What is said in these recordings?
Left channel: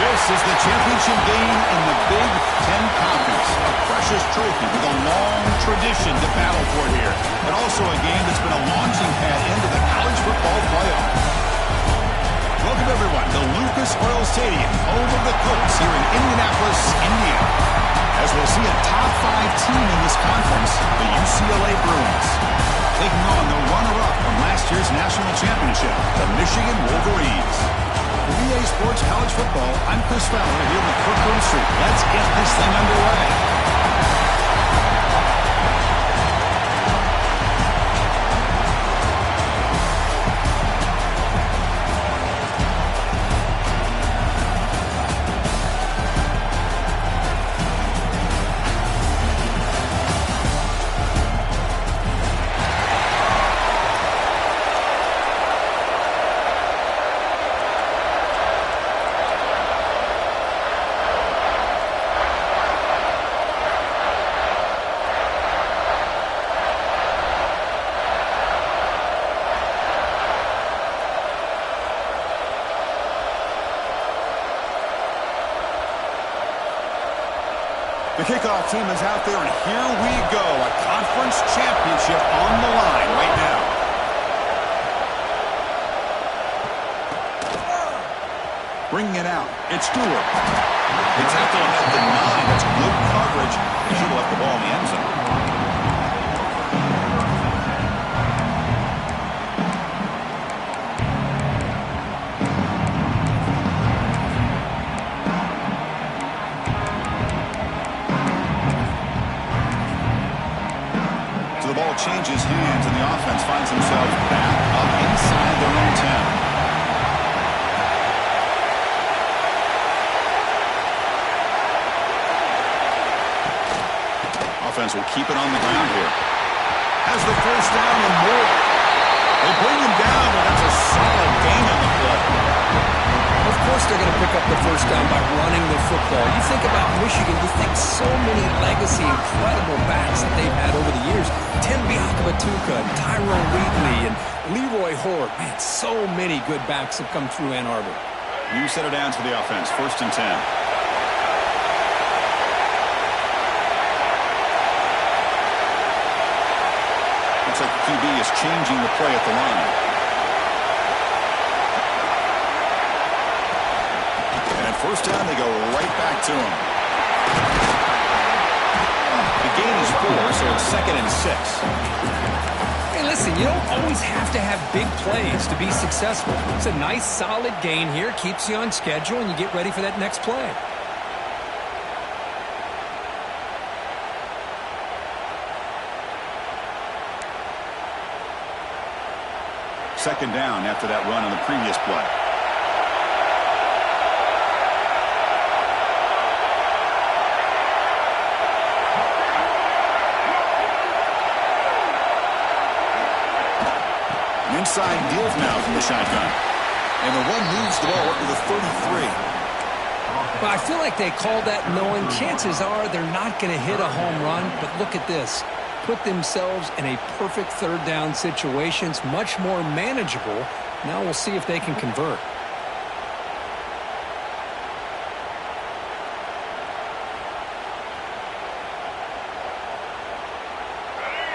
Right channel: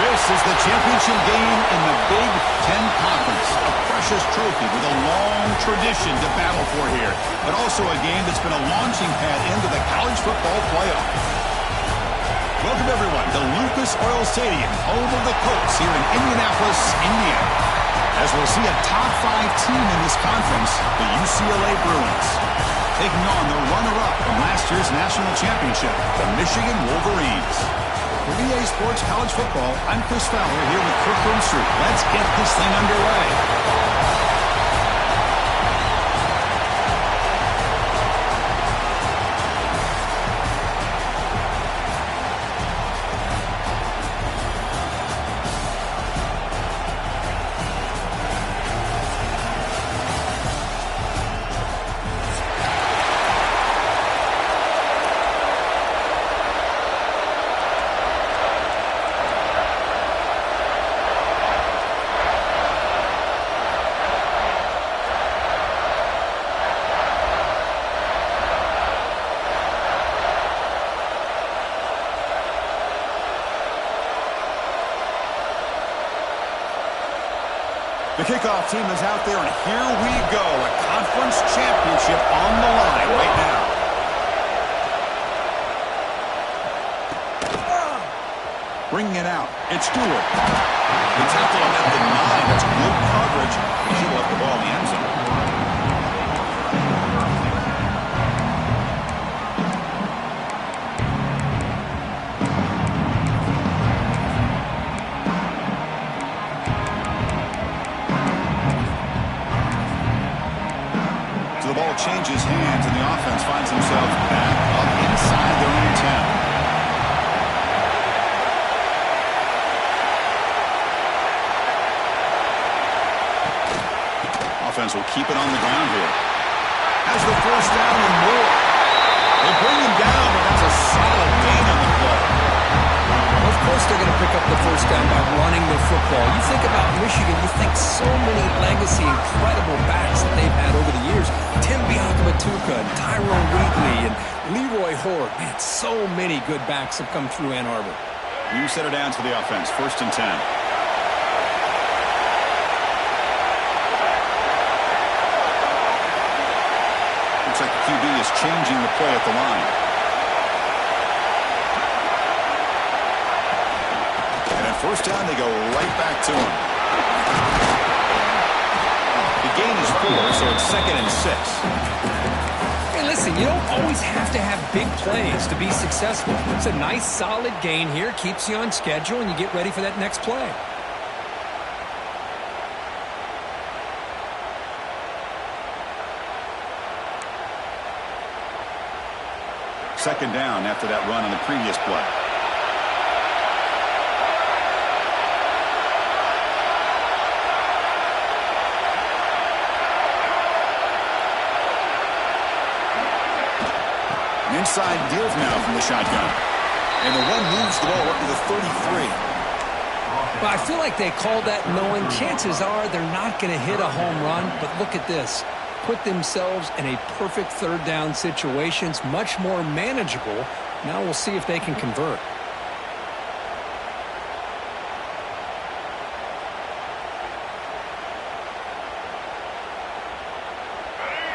This is the championship game in the Big Ten Conference, a precious trophy with a long tradition to battle for here, but also a game that's been a launching pad into the college football playoff. Welcome, everyone, to Lucas Oil Stadium, home of the Colts here in Indianapolis, Indiana, as we'll see a top-5 team in this conference, the UCLA Bruins, taking on the runner-up from last year's national championship, the Michigan Wolverines. For EA Sports College Football, I'm Chris Fowler here with Kirk Herbstreit. Let's get this thing underway. The kickoff team is out there, and here we go. A conference championship on the line right now. Bringing it out. It's Stewart. They tackle him at the 9. That's good coverage. He should have left the ball in the end zone. The ball changes hands, and the offense finds themselves back up inside their own 10. Offense will keep it on the ground here. Has the first down and more. They bring him down, but that's a solid gain on the play. Of course they're going to pick up the first down by running the football. You think about Michigan, you think so many legacy, incredible backs that they've had over the years. Tim Biakabatuka, and Tyrone Wheatley, and Leroy Horde. Man, so many good backs have come through Ann Arbor. New set of downs for the offense. 1st and 10. Looks like the QB is changing the play at the line. And at first down, they go right back to him. The gain is 4, so it's 2nd and 6. Hey, listen, you don't always have to have big plays to be successful. It's a nice, solid gain here. Keeps you on schedule, and you get ready for that next play. Second down after that run on the previous play. An inside deal now from the shotgun. And the run moves the ball up to the 33. Well, I feel like they called that knowing chances are they're not going to hit a home run, but look at this. Put themselves in a perfect 3rd down situation. It's much more manageable Now we'll see if they can convert.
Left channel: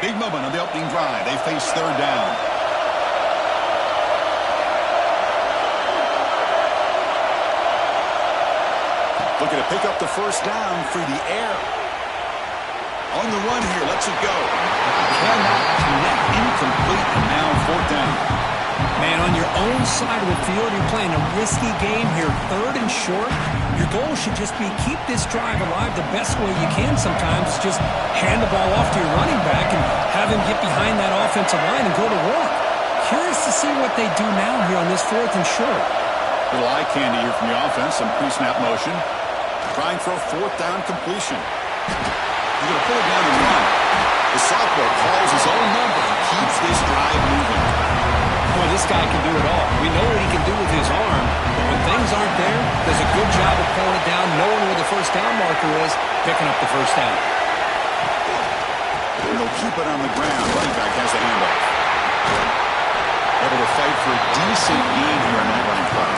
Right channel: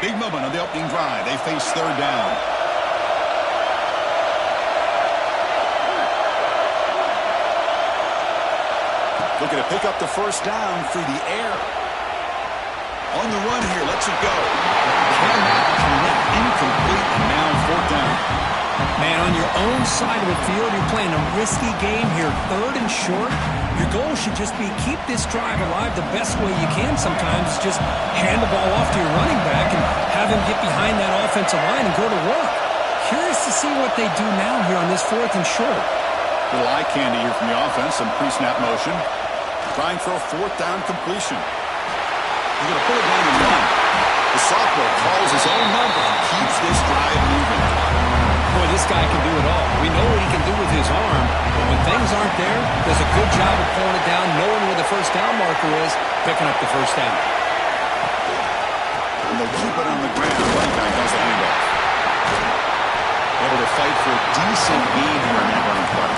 Big moment on the opening drive. They face third down. Looking to pick up the first down through the air. On the run here, lets it go. Cannot connect. Incomplete, and now fourth down. Man, on your own side of the field, you're playing a risky game here. Third and short. Your goal should just be keep this drive alive the best way you can sometimes. Is just hand the ball off to your running back and have him get behind that offensive line and go to work. Curious to see what they do now here on this fourth and short. Little eye candy here from the offense. Some pre-snap motion. Trying for a fourth down completion. He's going to pull it down and run. The sophomore calls his own number and keeps this drive moving. Boy, this guy can do it all. We know what he can do with his arm, but when things aren't there, does a good job of pulling it down, knowing where the first down marker is, picking up the first down. And they'll keep it on the ground. Running back has the handoff. Able to fight for a decent gain here in that running play.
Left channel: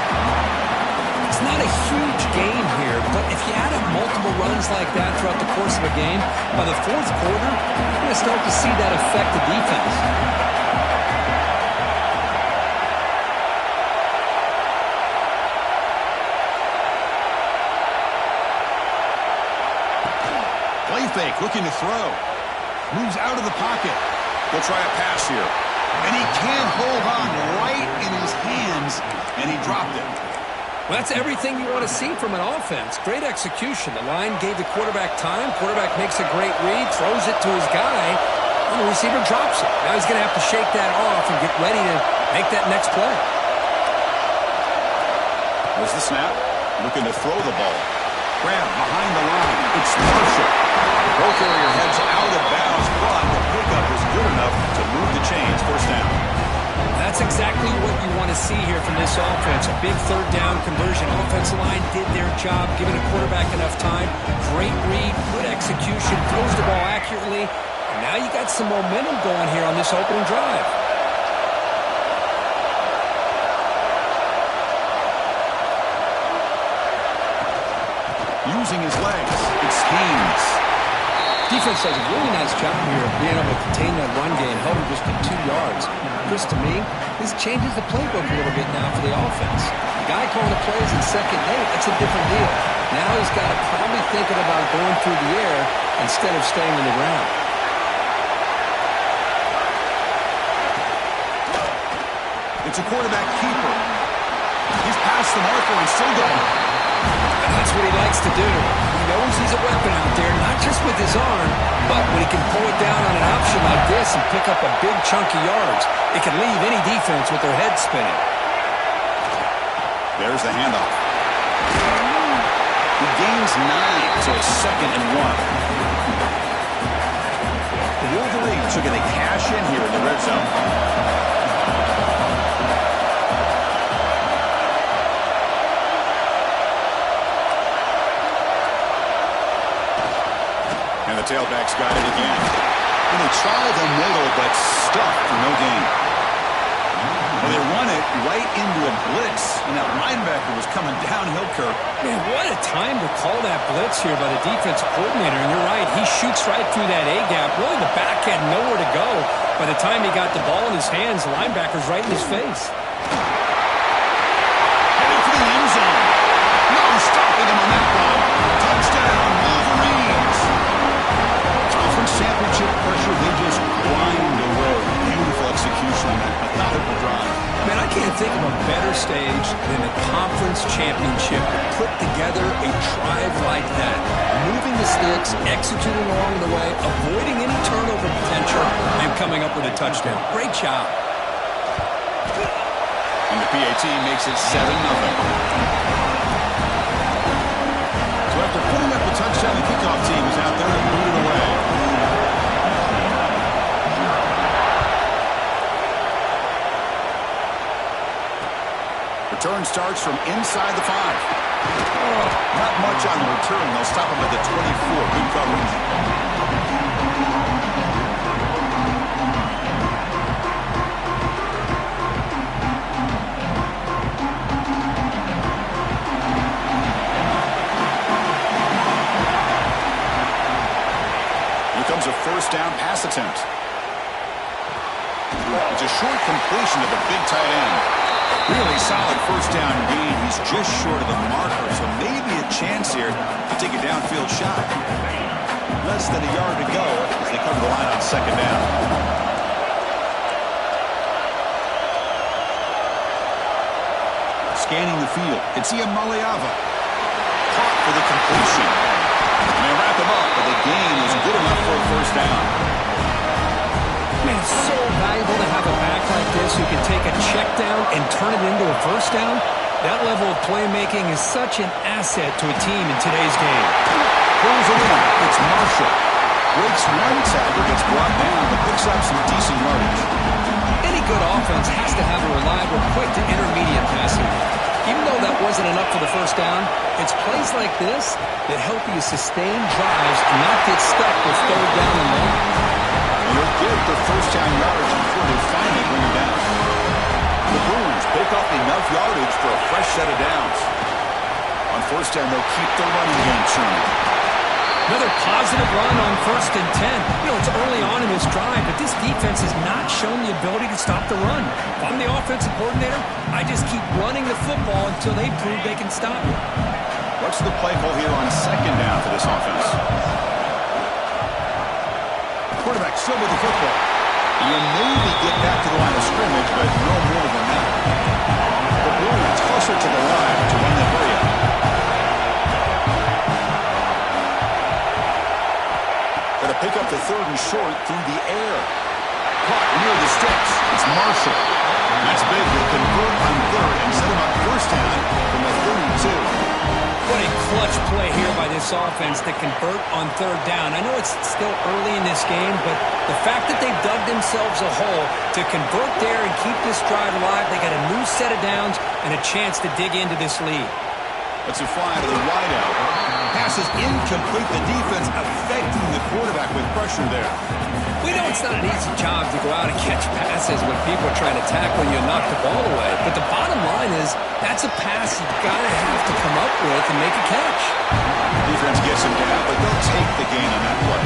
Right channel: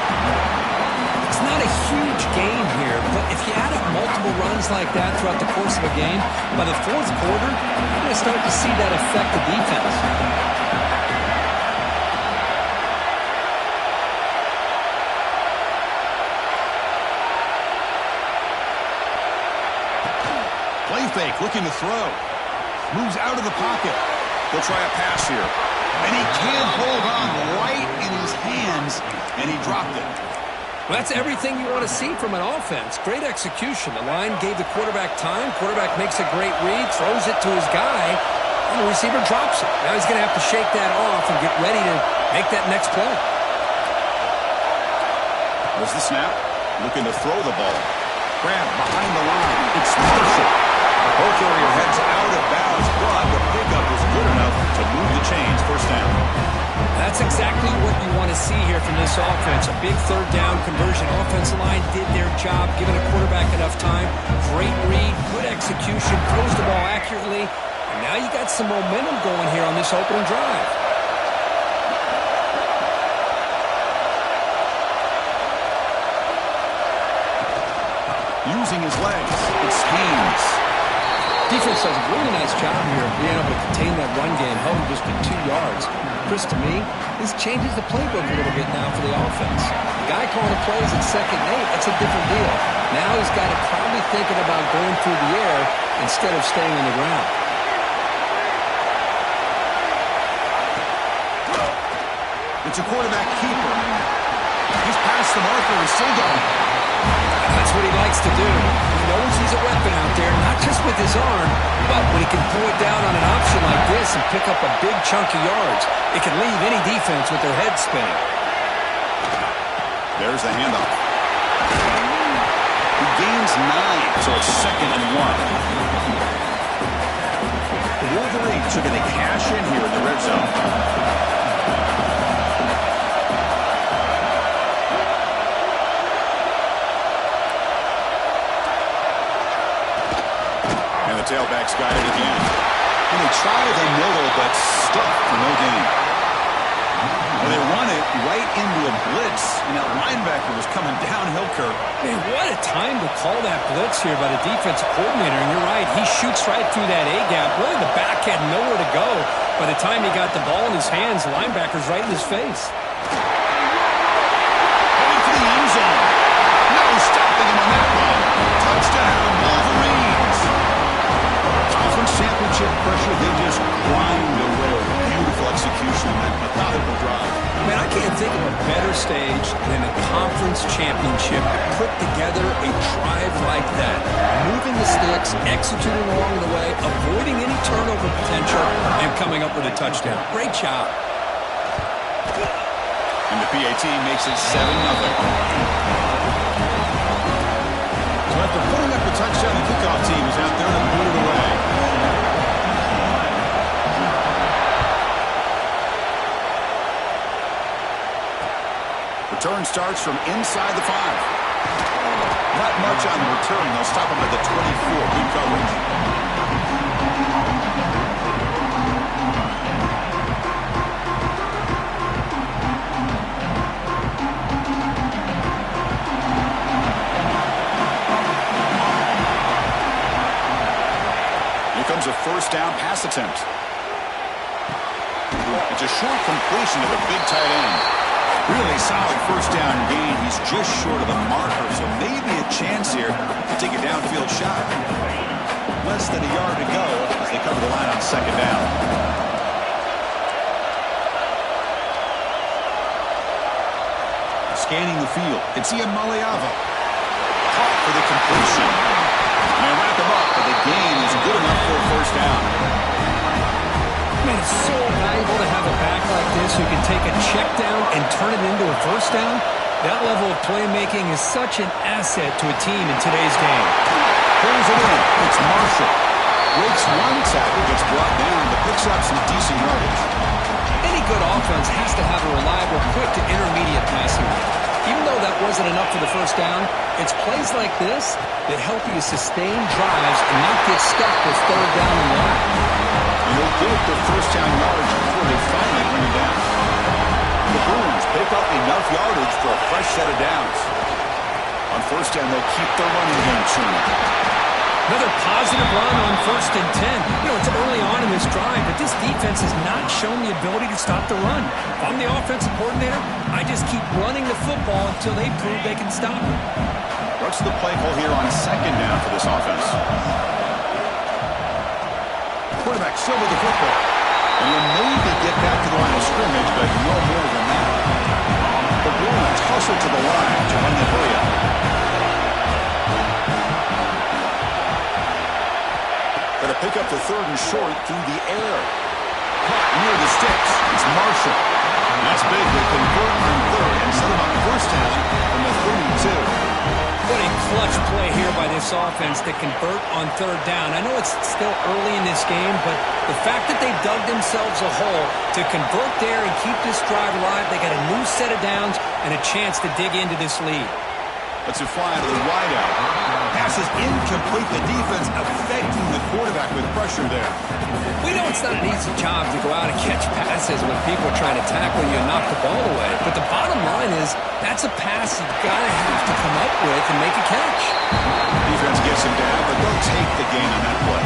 It's not a huge gain here, but if you add up multiple runs like that throughout the course of a game, by the fourth quarter, you're going to start to see that affect the defense. Play fake, looking to throw. Moves out of the pocket. He'll try a pass here. And he can't hold on right in his hands, and he dropped it. Well, that's everything you want to see from an offense. Great execution. The line gave the quarterback time. Quarterback makes a great read, throws it to his guy, and the receiver drops it. Now he's going to have to shake that off and get ready to make that next play. There's the snap. Looking to throw the ball. Grab behind the line. It's Marshall. The ball carrier heads out of bounds, but the pickup is good enough to move the chains. First down. That's exactly what you want to see here from this offense. A big third down conversion. Offensive line did their job, giving a quarterback enough time. Great read, good execution, throws the ball accurately. And now you got some momentum going here on this opening drive. Using his legs, it's Haynes. Defense does a really nice job here being able to contain that run game, held him just to 2 yards. Chris, to me, this changes the playbook a little bit now for the offense. The guy calling the plays at 2nd and 8, that's a different deal. Now he's got to probably thinking about going through the air instead of staying on the ground. It's a quarterback keeper. He's past the marker and still going. That's what he likes to do. He knows he's a weapon out there, not just with his arm, but when he can pull it down on an option like this and pick up a big chunk of yards, it can leave any defense with their head spinning. There's the handoff. He gains 9, so it's 2nd and 1. The Wolverines are going to cash in here in the red zone. And the tailback's got it again. And they try the middle, but stuffed for no gain. Well, they run it right into a blitz, and that linebacker was coming downhill, Kirk. Man, what a time to call that blitz here by the defensive coordinator. And you're right, he shoots right through that A-gap. Really, the back had nowhere to go. By the time he got the ball in his hands, the linebacker's right in his face. Heading for the end zone. No stopping him on that run. Touchdown, Wolverines. Conference championship pressure, they just grind away. Beautiful execution on that methodical drive. Man, I can't think of a better stage than a conference championship to put together a drive like that. Moving the sticks, executing along the way, avoiding any turnover potential, and coming up with a touchdown. Great job. And the PAT makes it 7-0. So after putting up the touchdown, the kickoff team is out there to boot it away. Return starts from inside the 5. Not much on the return. They'll stop him at the 24. Good coverage. a first down pass attempt. It's a short completion to the big tight end. Really solid first down gain. He's just short of the marker, so maybe a chance here to take a downfield shot. Less than a yard to go as they cover the line on second down. Scanning the field, it's Iamaleava. Caught for the completion. And they wrap him up, but the gain is good enough for a first down. Man, it's so valuable to have a back like this who can take a check down and turn it into a first down. That level of playmaking is such an asset to a team in today's game. Pulls it in. It's Marshall. Breaks one tackle, gets brought down, but picks up some decent yardage. Any good offense has to have a reliable, quick to intermediate passing game. Even though that wasn't enough for the first down, it's plays like this that help you sustain drives and not get stuck with third down and long. And he'll get the first down yards before they finally bring him down. The Bruins pick up enough yardage for a fresh set of downs. On first down, they'll keep the running game churning. Another positive run on 1st and 10. You know, it's early on in this drive, but this defense has not shown the ability to stop the run. If I'm the offensive coordinator, I just keep running the football until they prove they can stop it. What's the play call here on second down for this offense? Quarterback still with the football. And you'll maybe get back to the line of scrimmage, but no more than that. The Bruins hustle to the line to run the hurry up. Going to pick up the third and short through the air. Caught near the sticks. It's Marshall. That's big. They convert on third and set him up first down from the 32. What a clutch play here by this offense to convert on third down. I know it's still early in this game, but the fact that they've dug themselves a hole to convert there and keep this drive alive, they got a new set of downs and a chance to dig into this lead. Let's fly to the wideout. Pass is incomplete. The defense affecting the quarterback with pressure there. We know it's not an easy job to go out and catch passes when people are trying to tackle you and knock the ball away. But the bottom line is that's a pass you've got to have to come up with and make a catch. Defense gets him down, but they'll take the gain on that play.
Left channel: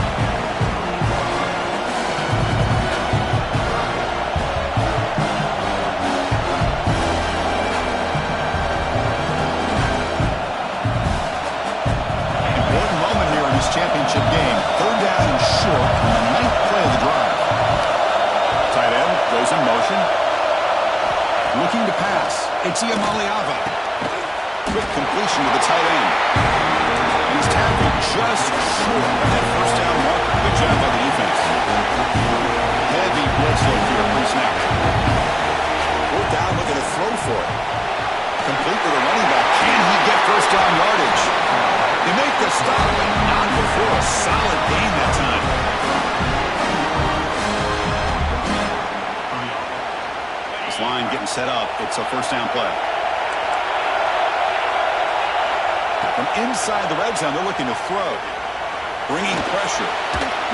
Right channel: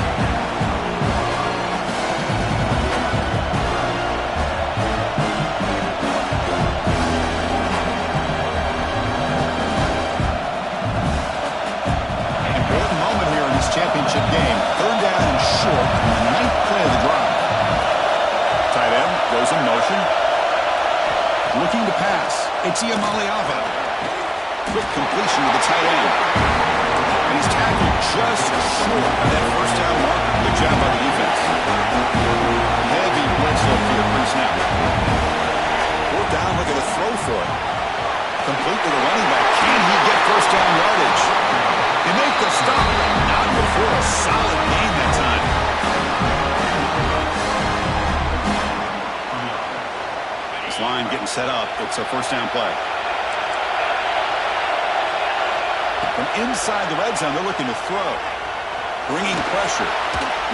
Championship game. Third down and short on the 9th play of the drive. Tight end goes in motion. Looking to pass. It's Iamaleava. Quick completion to the tight end. And he's tackled just short of that first down marker. Good job by the defense. Heavy blitz look here pre-snap. Fourth down, looking to throw for it. Complete to the running back. Can he get first down yardage? They make the stop, but not before a solid gain that time. This line getting set up. It's a first down play. From inside the red zone, they're looking to throw. Bringing pressure.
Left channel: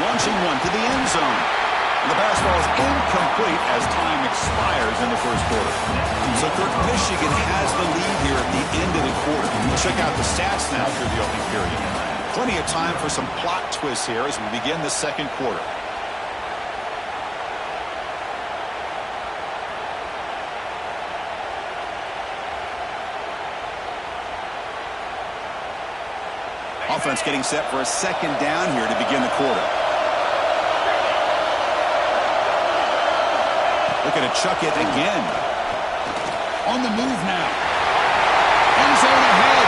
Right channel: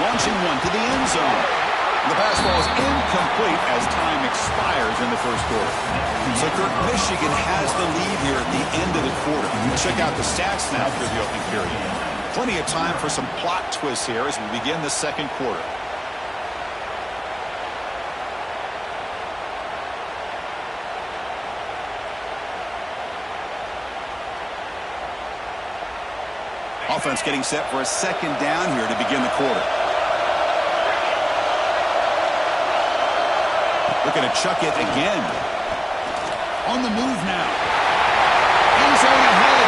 Launching one to the end zone. And the pass ball is incomplete as time expires in the first quarter. So, Kirk, Michigan has the lead here at the end of the quarter. Check out the stats now through the opening period. Plenty of time for some plot twists here as we begin the second quarter. Offense getting set for a second down here to begin the quarter. Looking to chuck it again. On the move now. End zone ahead.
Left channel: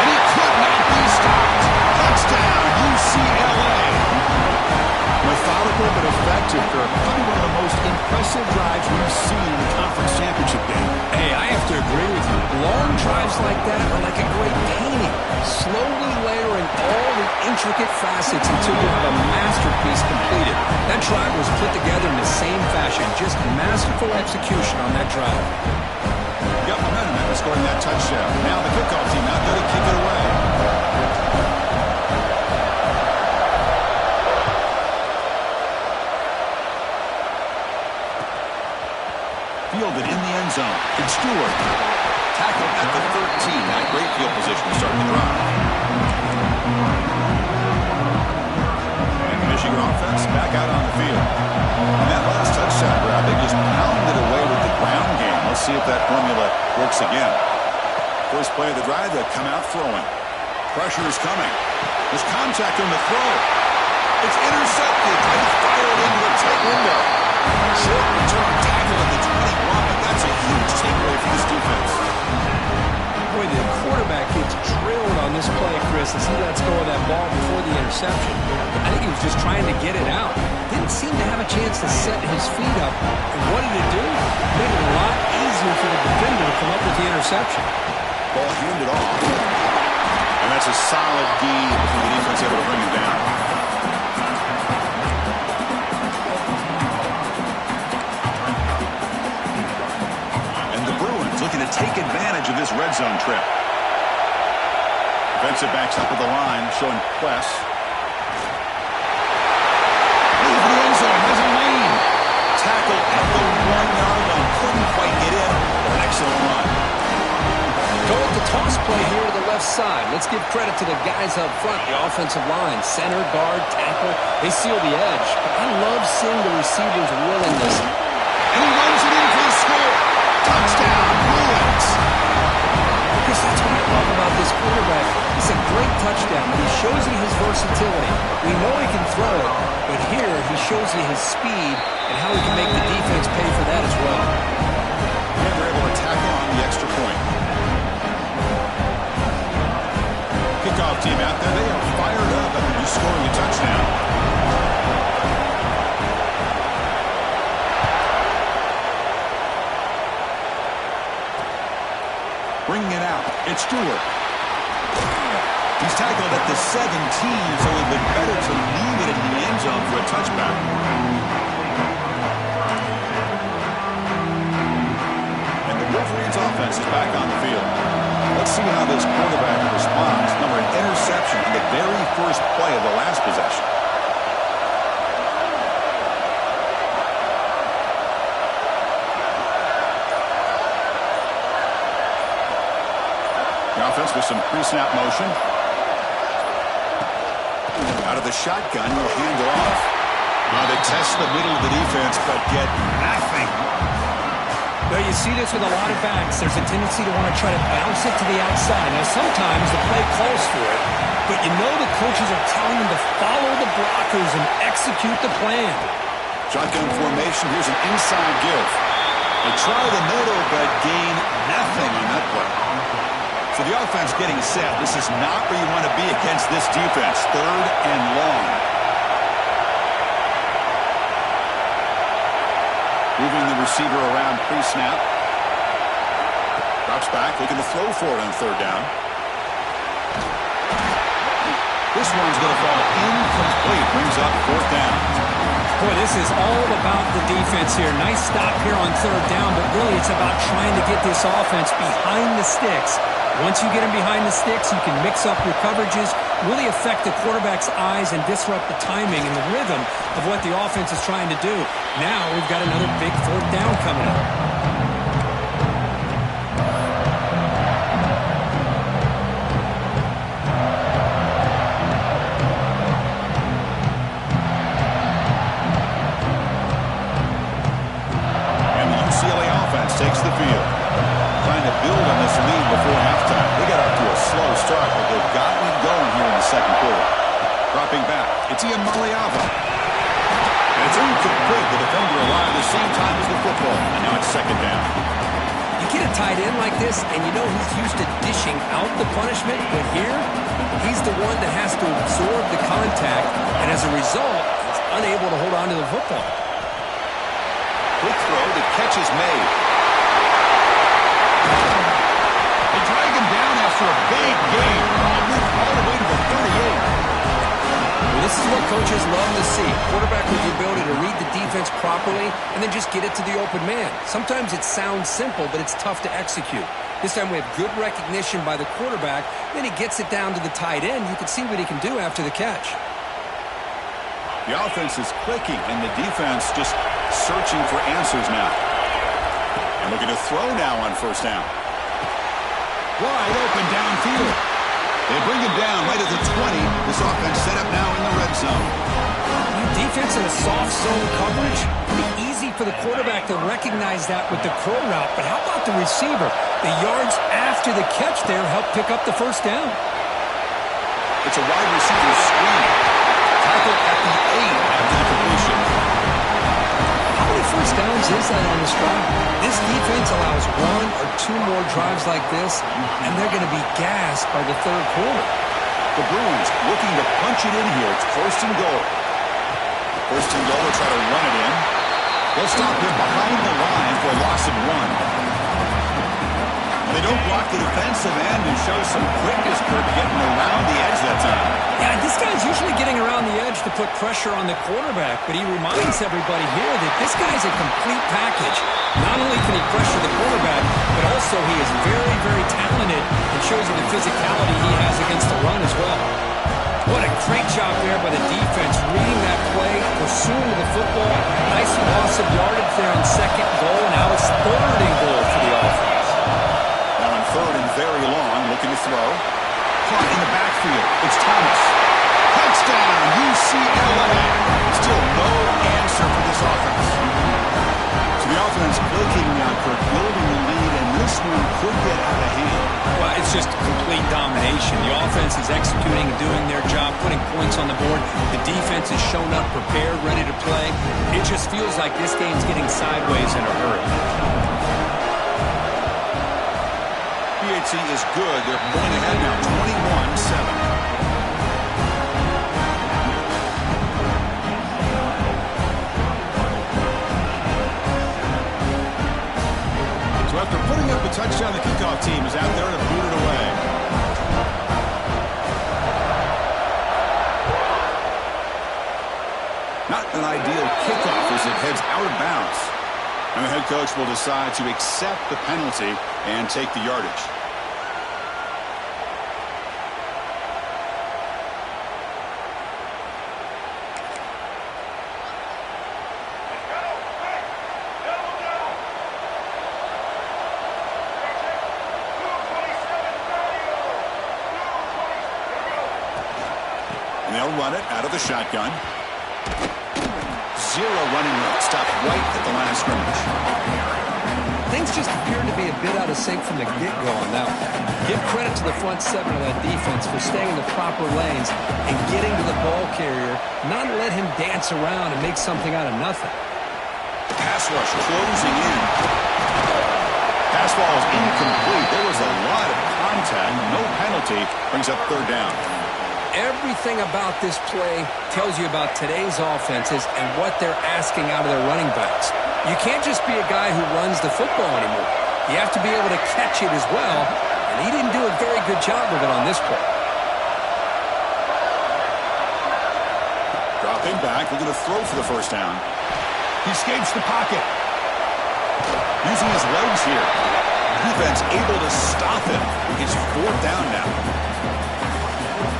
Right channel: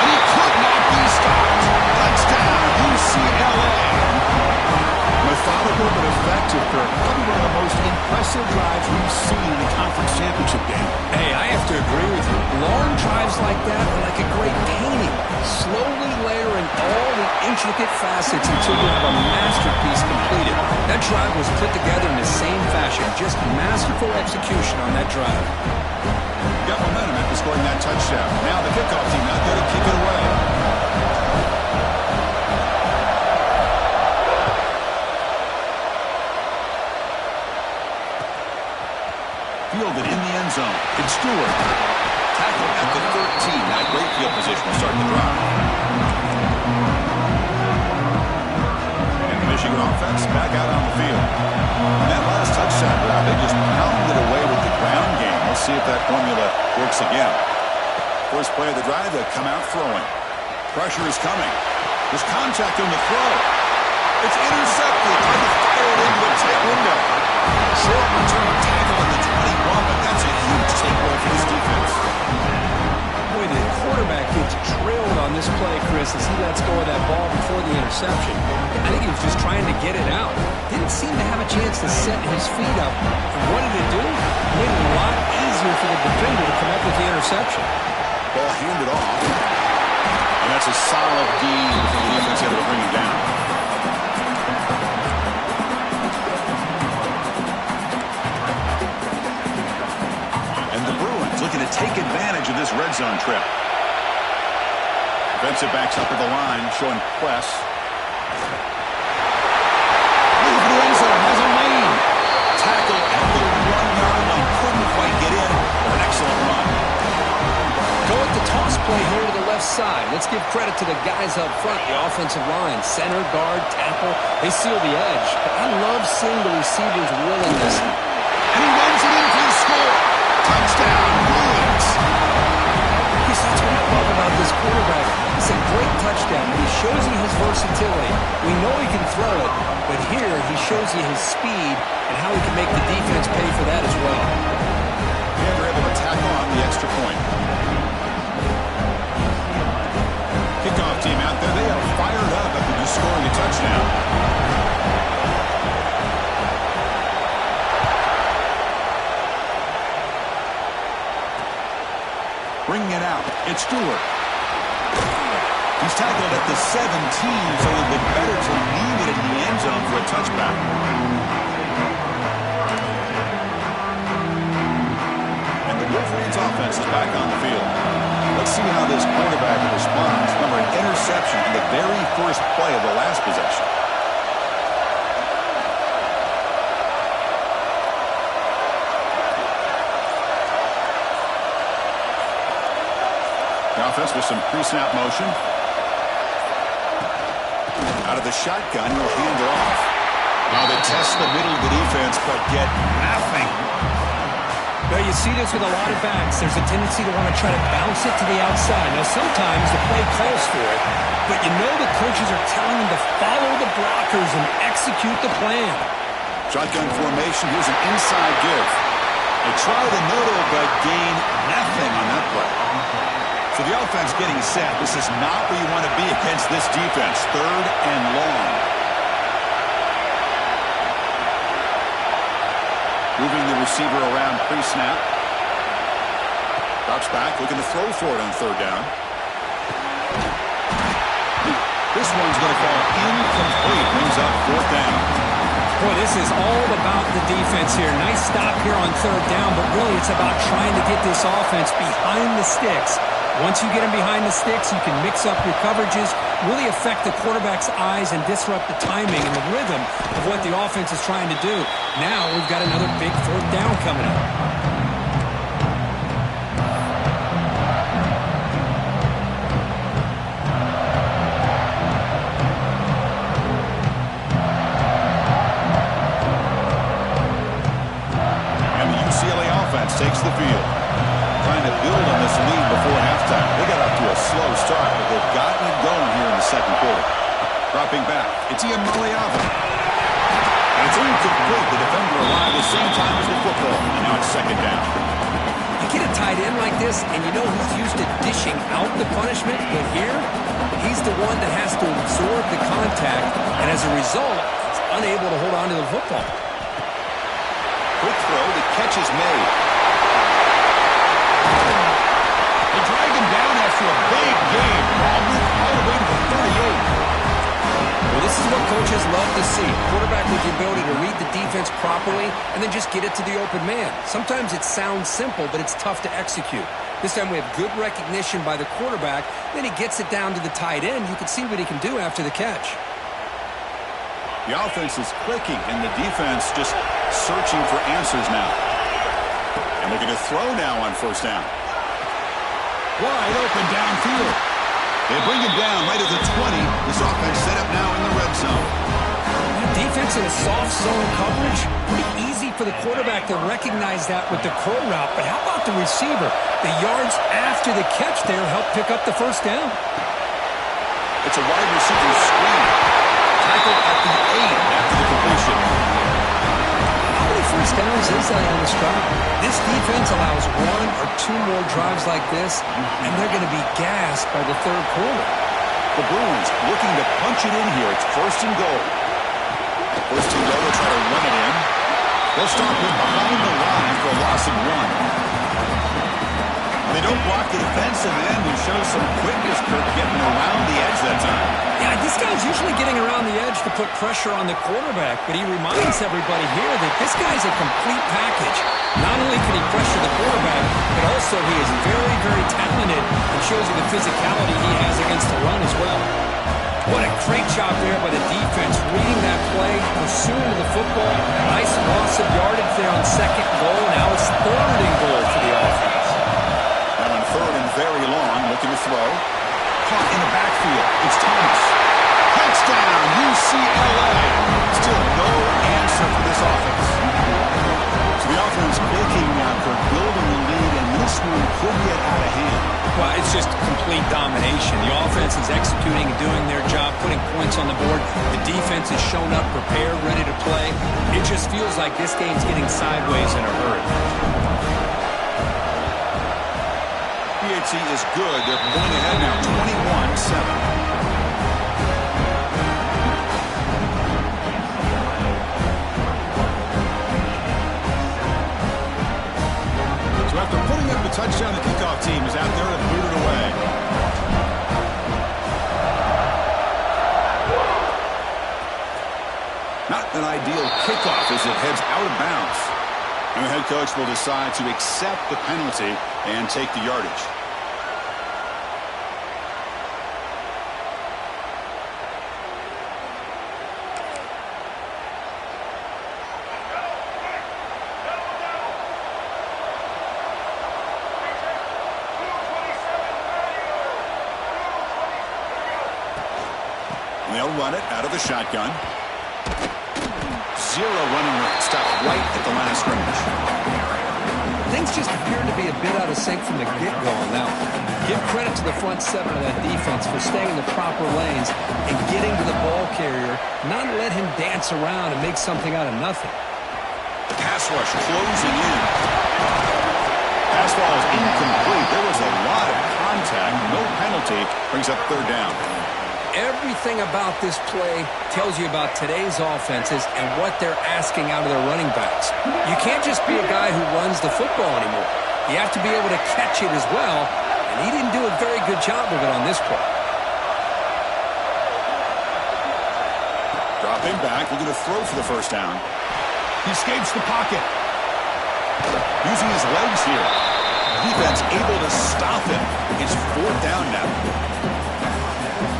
And he could not be stopped. Touchdown, UCLA. Methodical but effective, Kirk. Probably one of the most impressive drives we've seen in a conference championship game. Hey, I have to agree with you. Long drives like that are like a great painting. Slowly layering all the intricate facets until you have a masterpiece completed. That drive was put together in the same fashion. Just masterful execution on that drive. Got momentum after scoring that touchdown. Now the kickoff team out there to kick it away. Fielded in the end zone. It's Stewart. Tackled at the 13. Not a great field position to start the drive. And Michigan offense back out on the field. On that last touchdown drive, they just pounded away with the ground game. Let's see if that formula works again. First play of the drive, they come out throwing. Pressure is coming. There's contact on the throw. It's intercepted. Trying to fire it into a tight window. Short return tackle at the 21, but that's a huge takeaway for this defense. Boy, the quarterback gets drilled on this play, Chris, as he lets go of that ball before the interception. I think he was just trying to get it out. Didn't seem to have a chance to set his feet up. And what did it do? Made it a lot easier for the defender to come up with the interception. Ball handed off. And that's a solid gain for the defense able to bring him down. Looking to take advantage of this red zone trip. Defensive backs up at the line, showing press. Move to the end zone, has a lane. Tackle at the 1-yard line. Couldn't quite get in, but an excellent run. Go with the toss play here to the left side. Let's give credit to the guys up front, the offensive line. Center, guard, tackle, they seal the edge. But I love seeing the receivers' willingness. And he runs it in for the score. Touchdown, Bruins. Chris, that's what I love about this quarterback. It's a great touchdown, but he shows you his versatility. We know he can throw it, but here he shows you his speed and how he can make the defense pay for that as well. And they're able to tackle on the extra point. Kickoff team out there, they are fired up after just scoring a touchdown. Bringing it out, it's Stewart. He's tackled at the 17, so it would be better to leave it in the end zone for a touchback. And the Wolverines offense is back on the field. Let's see how this quarterback responds. Remember, an interception in the very first play of the last possession. The offense with some pre-snap motion. Out of the shotgun, he'll hand it off. Now they test the middle of the defense, but get nothing. Well, you see this with a lot of backs. There's a tendency to want to try to bounce it to the outside. Now, sometimes the play calls for it, but you know the coaches are telling them to follow the blockers and execute the plan. Shotgun formation. Here's an inside give. They try the middle, but gain nothing on that play. So the offense getting set. This is not where you want to be against this defense. 3rd and long. Moving the receiver around pre-snap. Drops back, looking to throw for it on 3rd down. This one's going to fall incomplete. Brings up 4th down. Boy, this is all about the defense here. Nice stop here on 3rd down, but really it's about trying to get this offense behind the sticks. Once you get him behind the sticks, you can mix up your coverages, really affect the quarterback's eyes and disrupt the timing and the rhythm of what the offense is trying to do. Now we've got another big 4th down coming up. And the UCLA offense takes the field. Trying to build on this lead before halftime. They got off to a slow start, but they've gotten it going here in the 2nd quarter. Dropping back, it's Iamaleava. And it's incomplete. The defender arrived the same time as the football, and now it's 2nd down. You get a tight end like this, and you know he's used to dishing out the punishment, but here, he's the one that has to absorb the contact, and as a result, he's unable to hold on to the football. Quick throw, the catch is made. They drag him down after a big game. Ball moved all the way to the 38. Well, this is what coaches love to see. Quarterback with the ability to read the defense properly and then just get it to the open man. Sometimes it sounds simple, but it's tough to execute. This time we have good recognition by the quarterback. Then he gets it down to the tight end. You can see what he can do after the catch. The offense is clicking, and the defense just searching for answers now. And looking to throw now on 1st down. Wide open downfield. They bring him down right at the 20. This offense set up now in the red zone. Defense in a soft zone coverage, pretty easy for the quarterback to recognize that with the curl route. But how about the receiver? The yards after the catch there help pick up the first down. It's a wide receiver screen. Tackle at the 8 after the completion. How many first downs is that on this drive? This defense allows 1 or 2 more drives like this, and they're going to be gassed by the third quarter. The Bruins looking to punch it in here. It's 1st and goal. 1st and goal, they'll try to run it in. They'll stop him behind the line for a loss of 1. They don't block the defensive end and show some quickness, Kirk, getting around the edge that time. Yeah, this guy's usually getting around the edge to put pressure on the quarterback, but he reminds everybody here that this guy's a complete package. Not only can he pressure the quarterback, but also he is very, very talented and shows you the physicality he has against the run as well. What a great job there by the defense, reading that play, pursuing to the football. Nice loss of yardage there on 2nd goal. Now it's 3rd and goal for the offense. Now on 3rd and very long, looking to throw. Caught in the backfield. It's Thomas. Touchdown, UCLA. Still no answer for this offense. So the offense clicking now, Kirk, building the lead, and this one could get out of hand. Well, it's just complete domination. The offense is executing and doing their job, putting points on the board. The defense has shown up, prepared, ready to play. It just feels like this game's getting sideways in a hurry. PHC is good. They're pulling ahead now, 21-7. So after putting up a touchdown, the kickoff team is out there to boot it away. Not an ideal kickoff as it heads out of bounds. And the head coach will decide to accept the penalty and take the yardage. And they'll run it out of the shotgun. 0 running room. Stopped right at the line of scrimmage. Things just appeared to be a bit out of sync from the get-go on that one. Give credit to the front 7 of that defense for staying in the proper lanes and getting to the ball carrier, not let him dance around and make something out of nothing. Pass rush closing in. Pass ball is incomplete. There was a lot of contact. No penalty. Brings up 3rd down. Everything about this play tells you about today's offenses and what they're asking out of their running backs. You can't just be a guy who runs the football anymore. You have to be able to catch it as well, and he didn't do a very good job of it on this play. Dropping back, looking to throw for the 1st down. He escapes the pocket. Using his legs here. Defense able to stop him. It's 4th down now.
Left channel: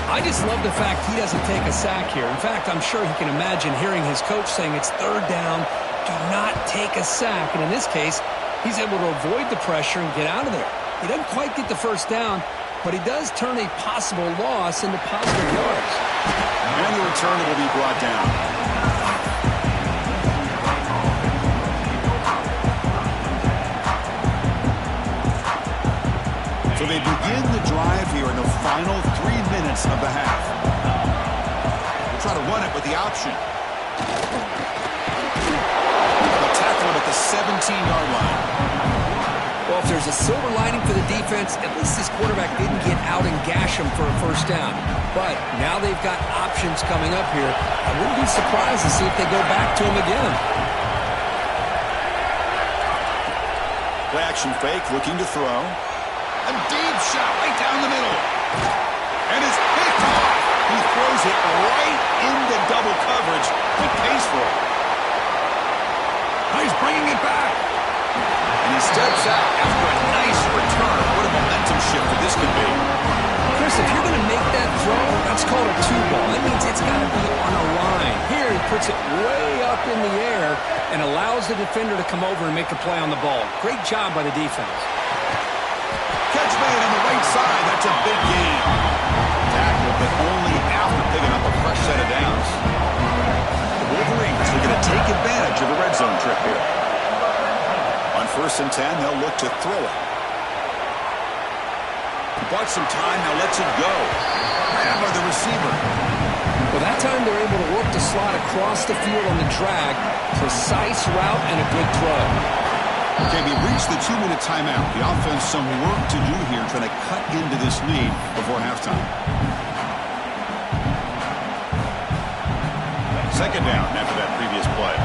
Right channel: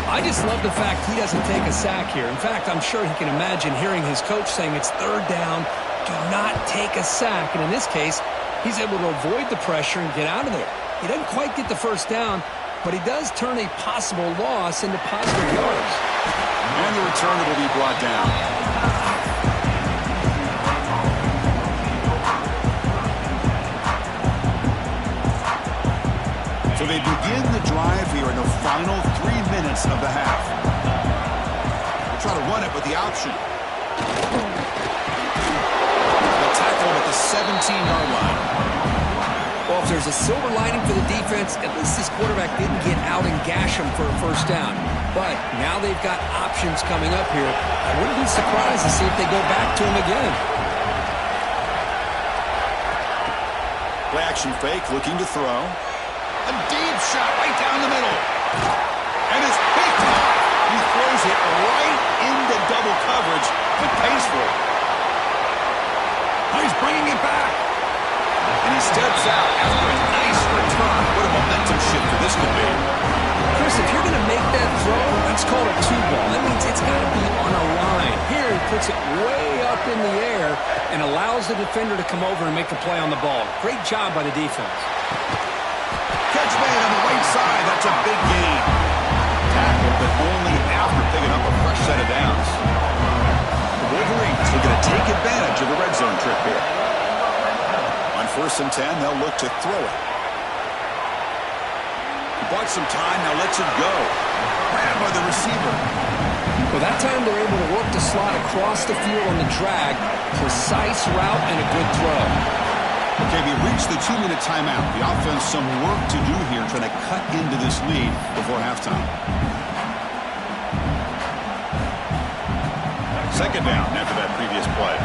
I just love the fact he doesn't take a sack here. In fact, I'm sure he can imagine hearing his coach saying it's 3rd down, do not take a sack. And in this case, he's able to avoid the pressure and get out of there. He doesn't quite get the 1st down, but he does turn a possible loss into positive yards. And the return will be brought down. So they begin the drive here in the final 3 minutes of the half. They'll try to run it with the option. They'll tackle him at the 17-yard line. Well, if there's a silver lining for the defense, at least this quarterback didn't get out and gash him for a 1st down. But now they've got options coming up here. I wouldn't be surprised to see if they go back to him again. Play action fake, looking to throw. A deep shot right down the middle. And it's picked off. He throws it right into double coverage, but pays for it. Now he's bringing it back. And he steps out after a nice return. What a momentum shifter this could be. Chris, if you're going to make that throw, that's called a 2-ball. That means it's got to be on a line. Here he puts it way up in the air and allows the defender to come over and make a play on the ball. Great job by the defense. Catch made on the right side. That's a big gain. Tackle, but only after picking up a fresh set of downs. Wolverines looking to take advantage of the red zone trip here. On 1st and 10, they'll look to throw it. He bought some time, now lets it go. Grabbed by the receiver. Well, that time they're able to work the slot across the field on the drag. Precise route and a good throw. Okay, we've reached the 2-minute timeout. The offense some work to do here trying to cut into this lead before halftime. 2nd down after that previous play.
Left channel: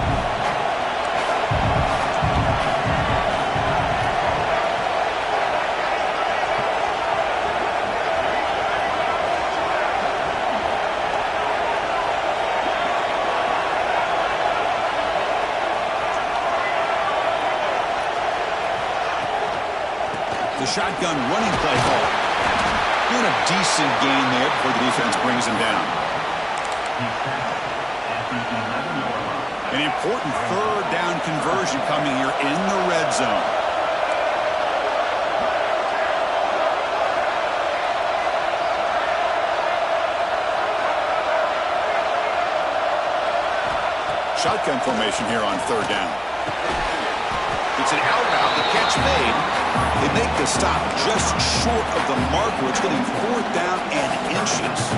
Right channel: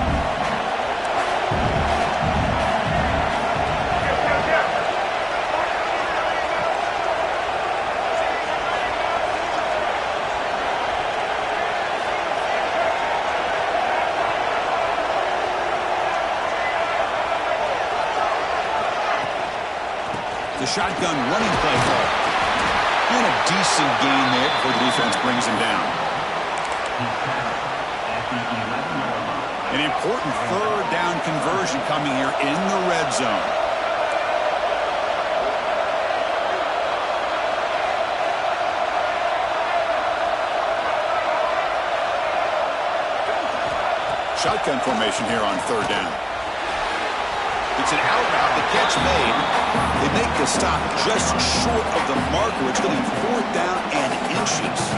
The shotgun running play call. Doing a decent gain there before the defense brings him down. An important 3rd down conversion coming here in the red zone. Shotgun formation here on 3rd down. It's an out route, the catch made. They make the stop just short of the marker. It's going to be 4th down and inches.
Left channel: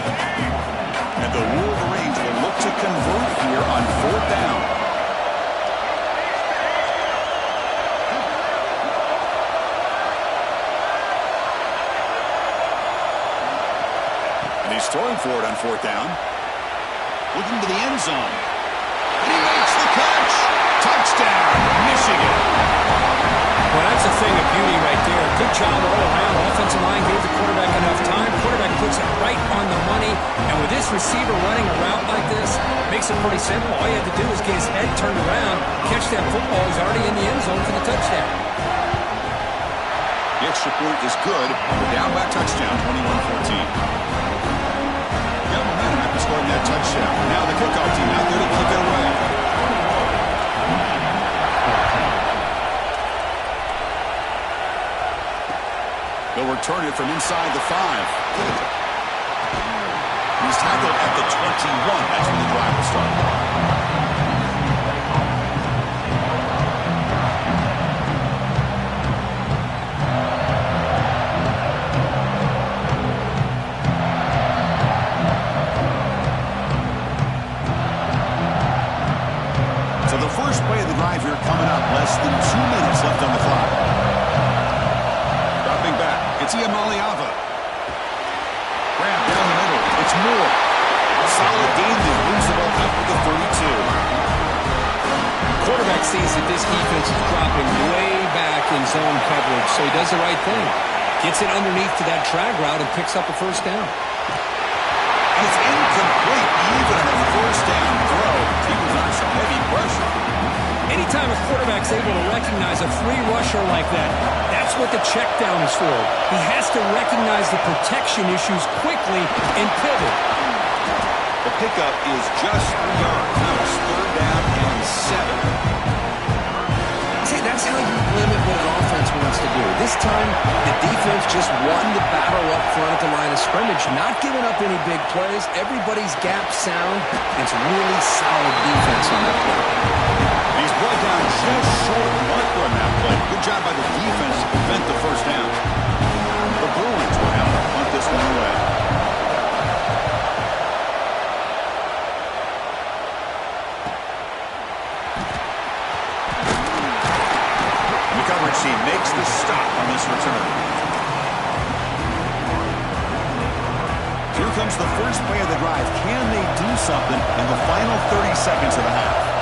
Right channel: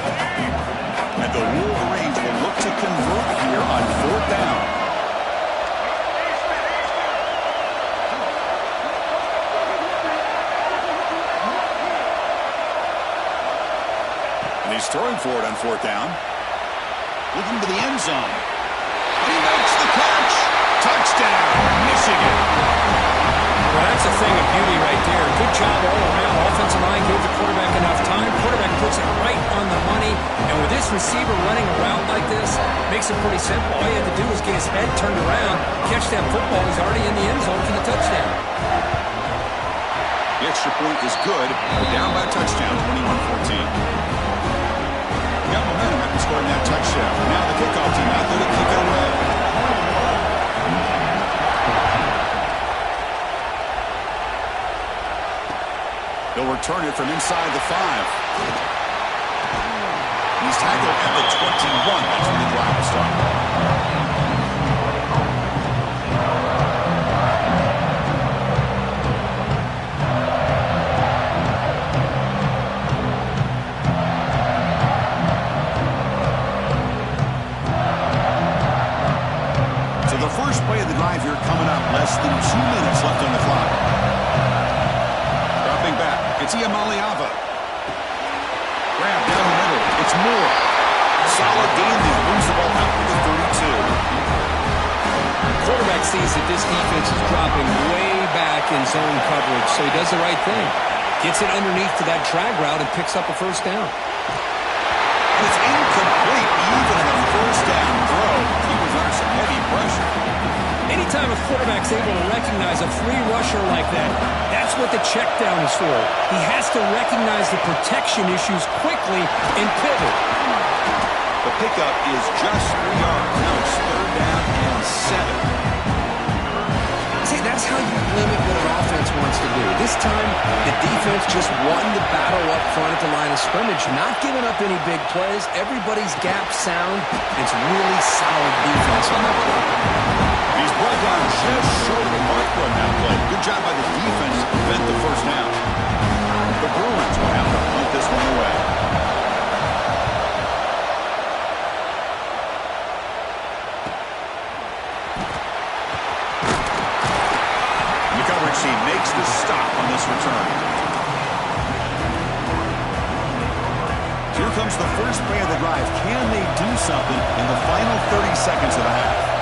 And the Wolverines will look to convert here on 4th down. And he's throwing for it on 4th down. Looking to the end zone. And he makes the catch. Touchdown, Michigan. Well, that's a thing of beauty right there. Good job all around. Offensive line gave the quarterback enough time. Quarterback puts it right on the money. And with this receiver running a route like this, makes it pretty simple. All you had to do was get his head turned around, catch that football. He's already in the end zone for the touchdown. The extra point is good. We're down by a touchdown, 21-14. Got momentum after scoring that touchdown. Now the kickoff team out there to kick it away. They'll return it from inside the 5. He's tackled at the 21. That's when the drive will start. So the first play of the drive here coming up. Less than 2 minutes left on the clock. Dropping back. It's Iamaleava. Grab down the middle. It's Moore. Solid gain there. Moves the ball out to the 32. Quarterback sees that this defense is dropping way back in zone coverage, so he does the right thing. Gets it underneath to that drag route and picks up a 1st down. And it's incomplete. Even on a 1st down throw, he was under some heavy pressure. Anytime a quarterback's able to recognize a free rusher like that, that's what the check down is for. He has to recognize the protection issues quickly and pivot. The pickup is just 3 yards. Now it's 3rd down and 7. See, that's how you limit what an offense wants to do. This time, the defense just won the battle up front at the line of scrimmage, not giving up any big plays. Everybody's gap sound. It's really solid defense on that play. He's brought down just short of the marker on that play. Good job by the defense to prevent the 1st down. The Bruins will have to punt this one away. The coverage team makes the stop on this return. Here comes the first play of the drive. Can they do something in the final 30 seconds of the half?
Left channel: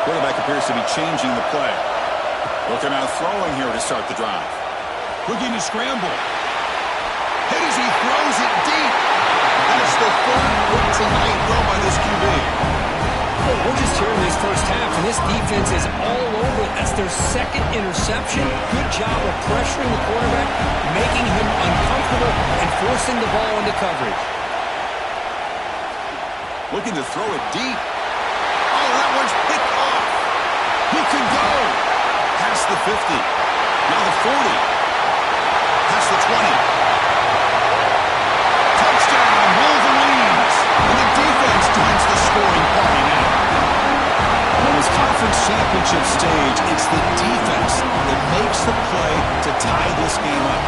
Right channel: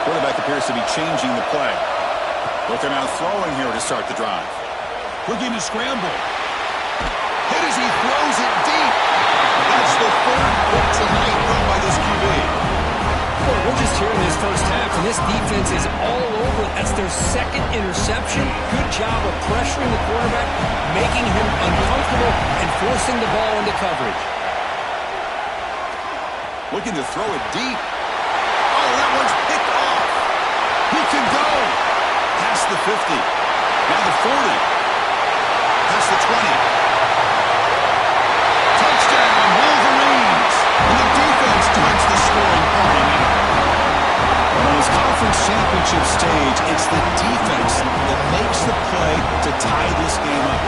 Quarterback appears to be changing the play. Looking out throwing here to start the drive. Looking to scramble. Hit as he throws it deep. That's the 3rd hit tonight thrown by this QB. Well, we're just here in this first half, and this defense is all over it. That's their 2nd interception. Good job of pressuring the quarterback, making him uncomfortable, and forcing the ball into coverage. Looking to throw it deep. Oh, that one's picked off. He can go. Past the 50. Now the 40. Past the 20. Touchdown, Wolverines. joins the scoring party now. On this conference championship stage, it's the defense that makes the play to tie this game up.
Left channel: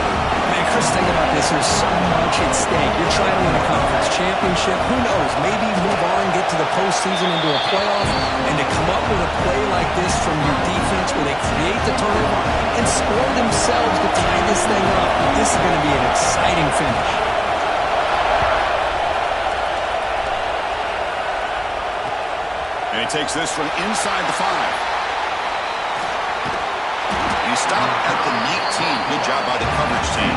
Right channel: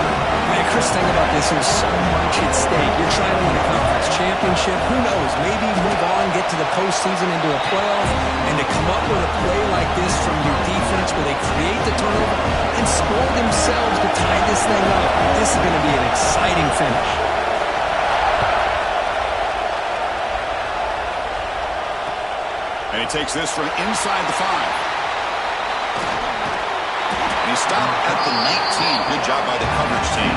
Man, Chris, think about this. There's so much at stake. You're trying to win a conference championship. Who knows? Maybe move on, get to the postseason, into a playoff, and to come up with a play like this from your defense where they create the turnover and score themselves to tie this thing up. This is going to be an exciting finish. And he takes this from inside the 5. And he stopped at the 19. Good job by the coverage team.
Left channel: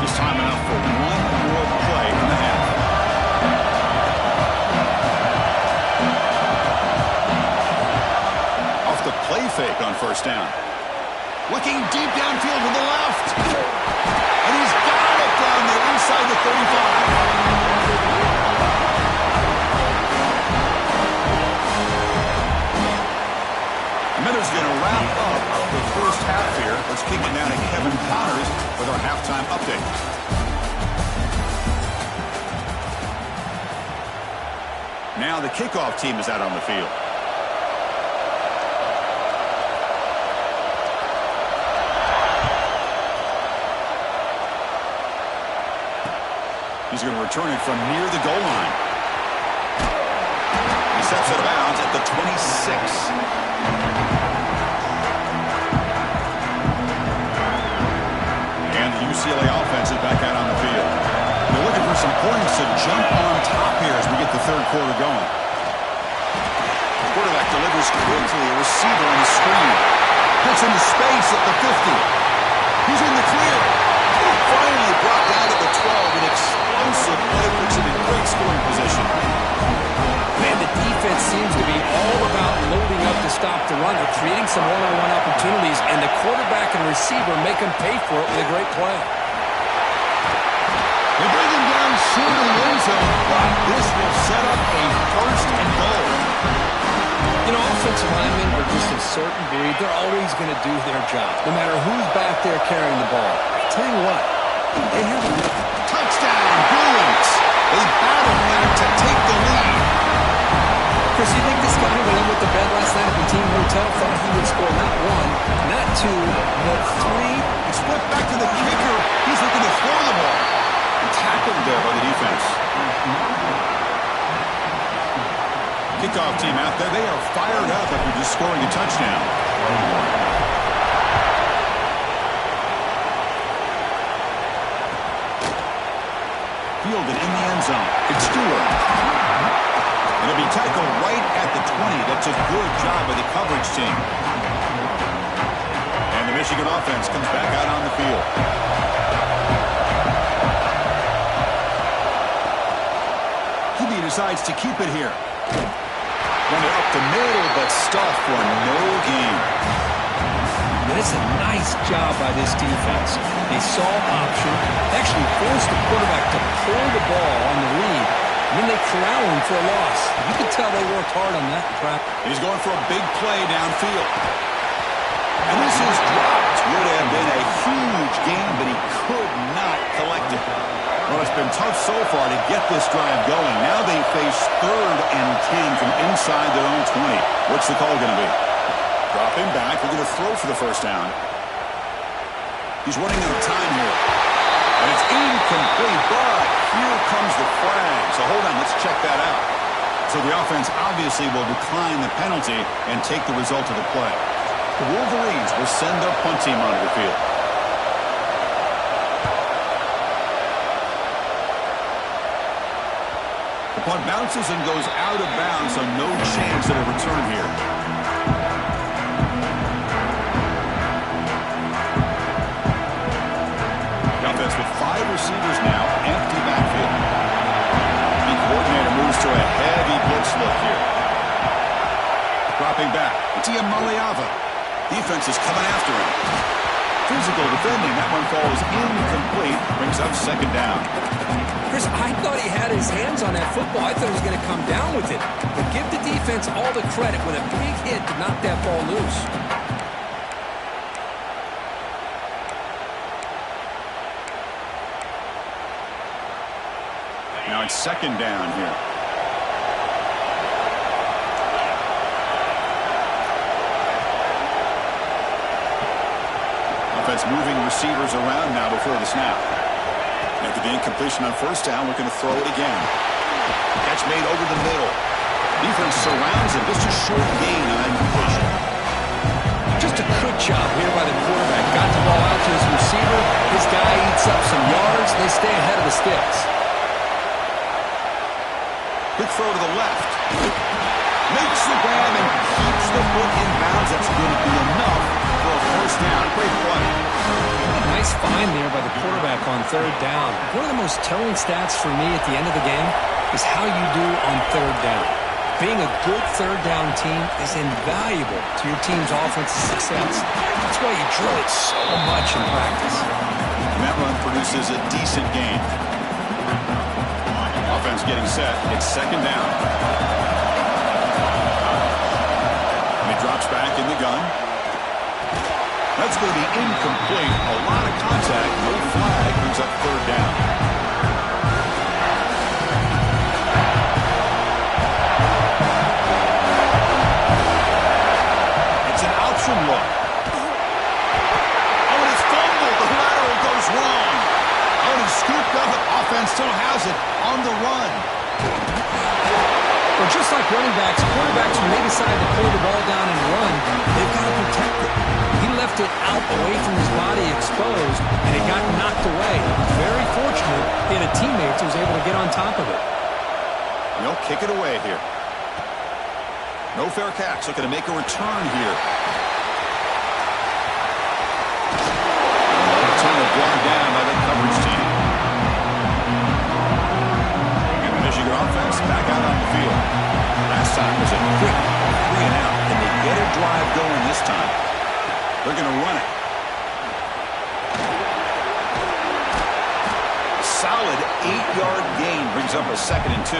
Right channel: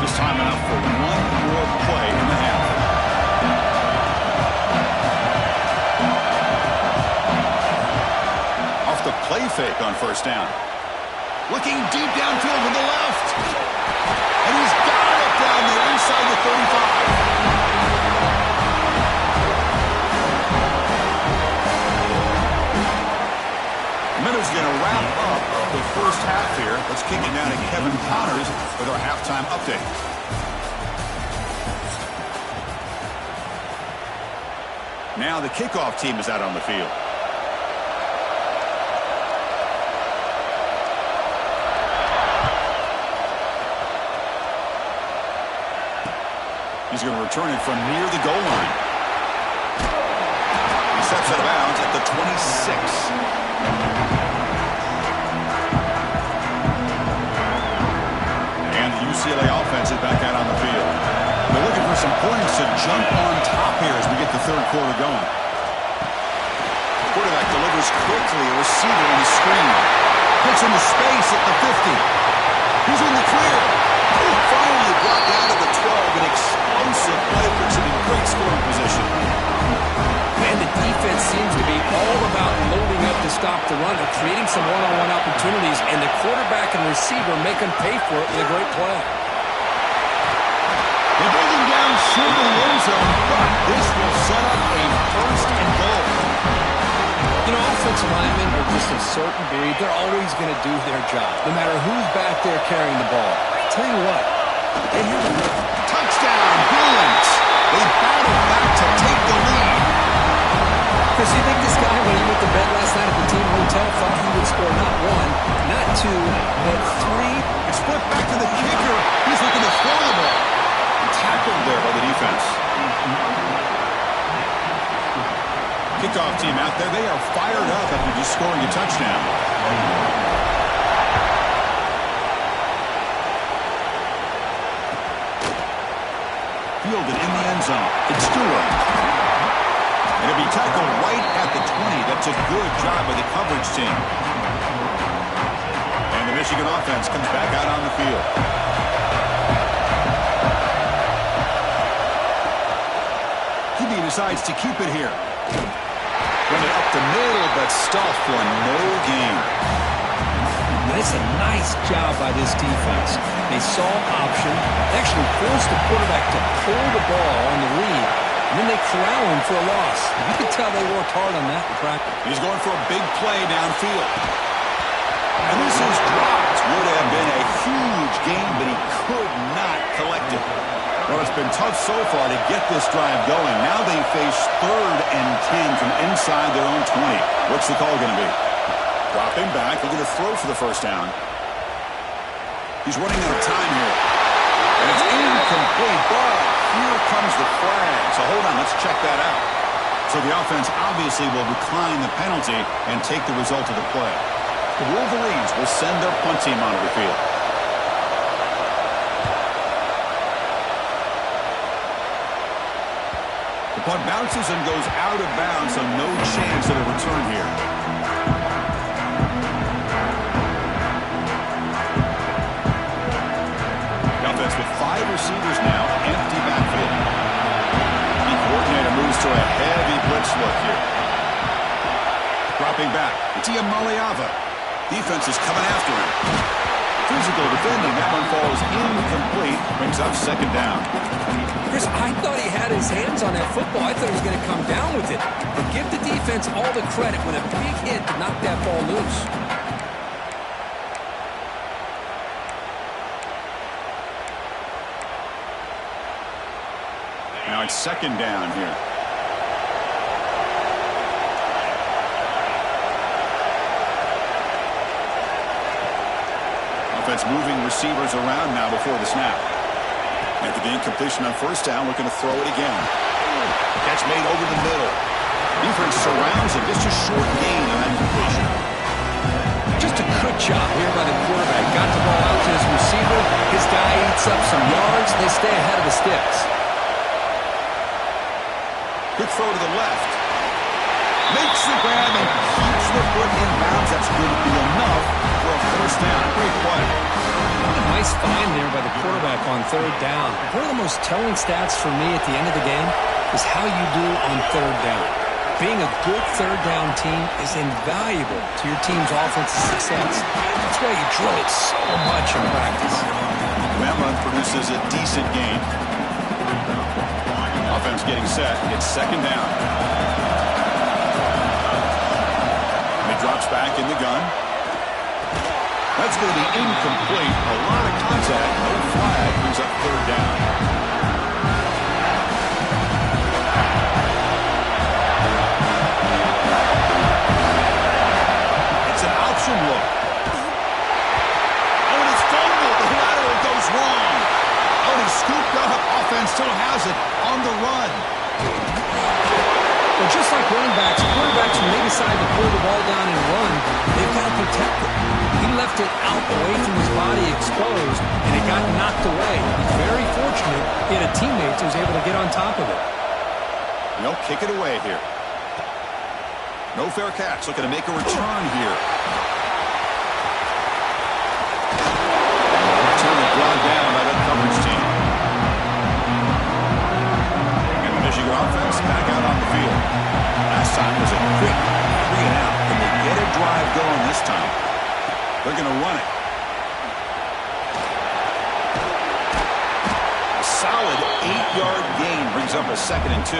Just time enough for one more play in the half. The play fake on first down. Looking deep downfield to the left. And he's got it down there inside the 35. And then is going to wrap up the first half here. Let's kick it down to Kevin Connors with our halftime update. Now the kickoff team is out on the field. He's going to return it from near the goal line. He steps out of bounds at the 26. And the UCLA offense is back out on the field. They're looking for some points to jump on top here as we get the third quarter going. The quarterback delivers quickly, a receiver on the screen. Hits into space at the 50. He's in the clear. Finally brought down to the 12. An explosive play puts him in great scoring position. Man, the defense seems to be all about loading up to stop the run. They're creating some one-on-one opportunities, and the quarterback and receiver make them pay for it with a great play. They bring him down short of the end zone, but this will set up a first and goal. You know, offensive linemen are just a certain breed. They're always going to do their job, no matter who's back there carrying the ball. Tell you what, they have a touchdown, Bruins. They battle back to take the lead. Chris, you think this guy, when he went to bed last night at the team hotel, thought he would score not one, not two, but three? It's flipped back to the kicker. He's looking to throw the ball. And tackled there by the defense. Kickoff team out there. They are fired up after just scoring a touchdown. Fielded in the end zone. It's Stewart. And it'll be tackled right at the 20. That's a good job by the coverage team. And the Michigan offense comes back out on the field. He decides to keep it here. Run it up the middle, but stuffed for no gain. And it's a nice job by this defense. They saw option, they actually forced the quarterback to pull the ball on the read, and then they corral him for a loss. You can tell they worked hard on that in practice. He's going for a big play downfield. And this is dropped. Would have been a huge gain, but he could not collect it. Well, it's been tough so far to get this drive going. Now they face 3rd and 10 from inside their own 20. What's the call going to be? Dropping back. They're going to throw for the first down. He's running out of time here. And it's incomplete, but here comes the flag. So hold on, let's check that out. So the offense obviously will decline the penalty and take the result of the play. The Wolverines will send their punt team onto the field. The punt bounces and goes out of bounds, so no chance at a return here. The offense with 5 receivers now, empty backfield. The coordinator moves to a heavy blitz look here. Dropping back, it's Iamaleava. Defense is coming after him. Physical defending. That one falls incomplete. Brings up second down. Chris, I thought he had his hands on that football. I thought he was going to come down with it. But give the defense all the credit with a big hit to knock that ball loose. Now it's second down here. Offense moving receivers around now before the snap. After the incompletion on first down, looking to throw it again. Catch made over the middle. Defense surrounds him. Just a short gain on that completion. Just a good job here by the quarterback. Got the ball out to his receiver. His guy eats up some yards. They stay ahead of the sticks. Quick throw to the left. Makes the grab and keeps the foot in bounds. That's going to be enough for a first down. Great play. What a nice find there by the quarterback on third down. One of the most telling stats for me at the end of the game is how you do on third down. Being a good third down team is invaluable to your team's offensive success. That's why you drill it so much in practice. That run produces a decent gain. Offense getting set. It's second down. And he drops back in the gun. That's going to be incomplete. A lot of contact. No flag. Brings up third down. It's an option look. Oh, and it's fumbled. The lateral goes wrong. Oh, and he's scooped up. Offense still has it on the run. Well, just like running backs, quarterbacks, when they decide to pull the ball down and run, they've got to protect it. He left it out away from his body exposed, and it got knocked away. He's very fortunate he had a teammate who was able to get on top of it. They'll kick it away here. No fair catch. Looking to make a return here. Return is brought down by the coverage team. And the Michigan offense back out on the field. Last time was a quick 3 and out. Can they get a drive going this time? They're going to run it. A solid 8-yard gain brings up a 2nd and 2.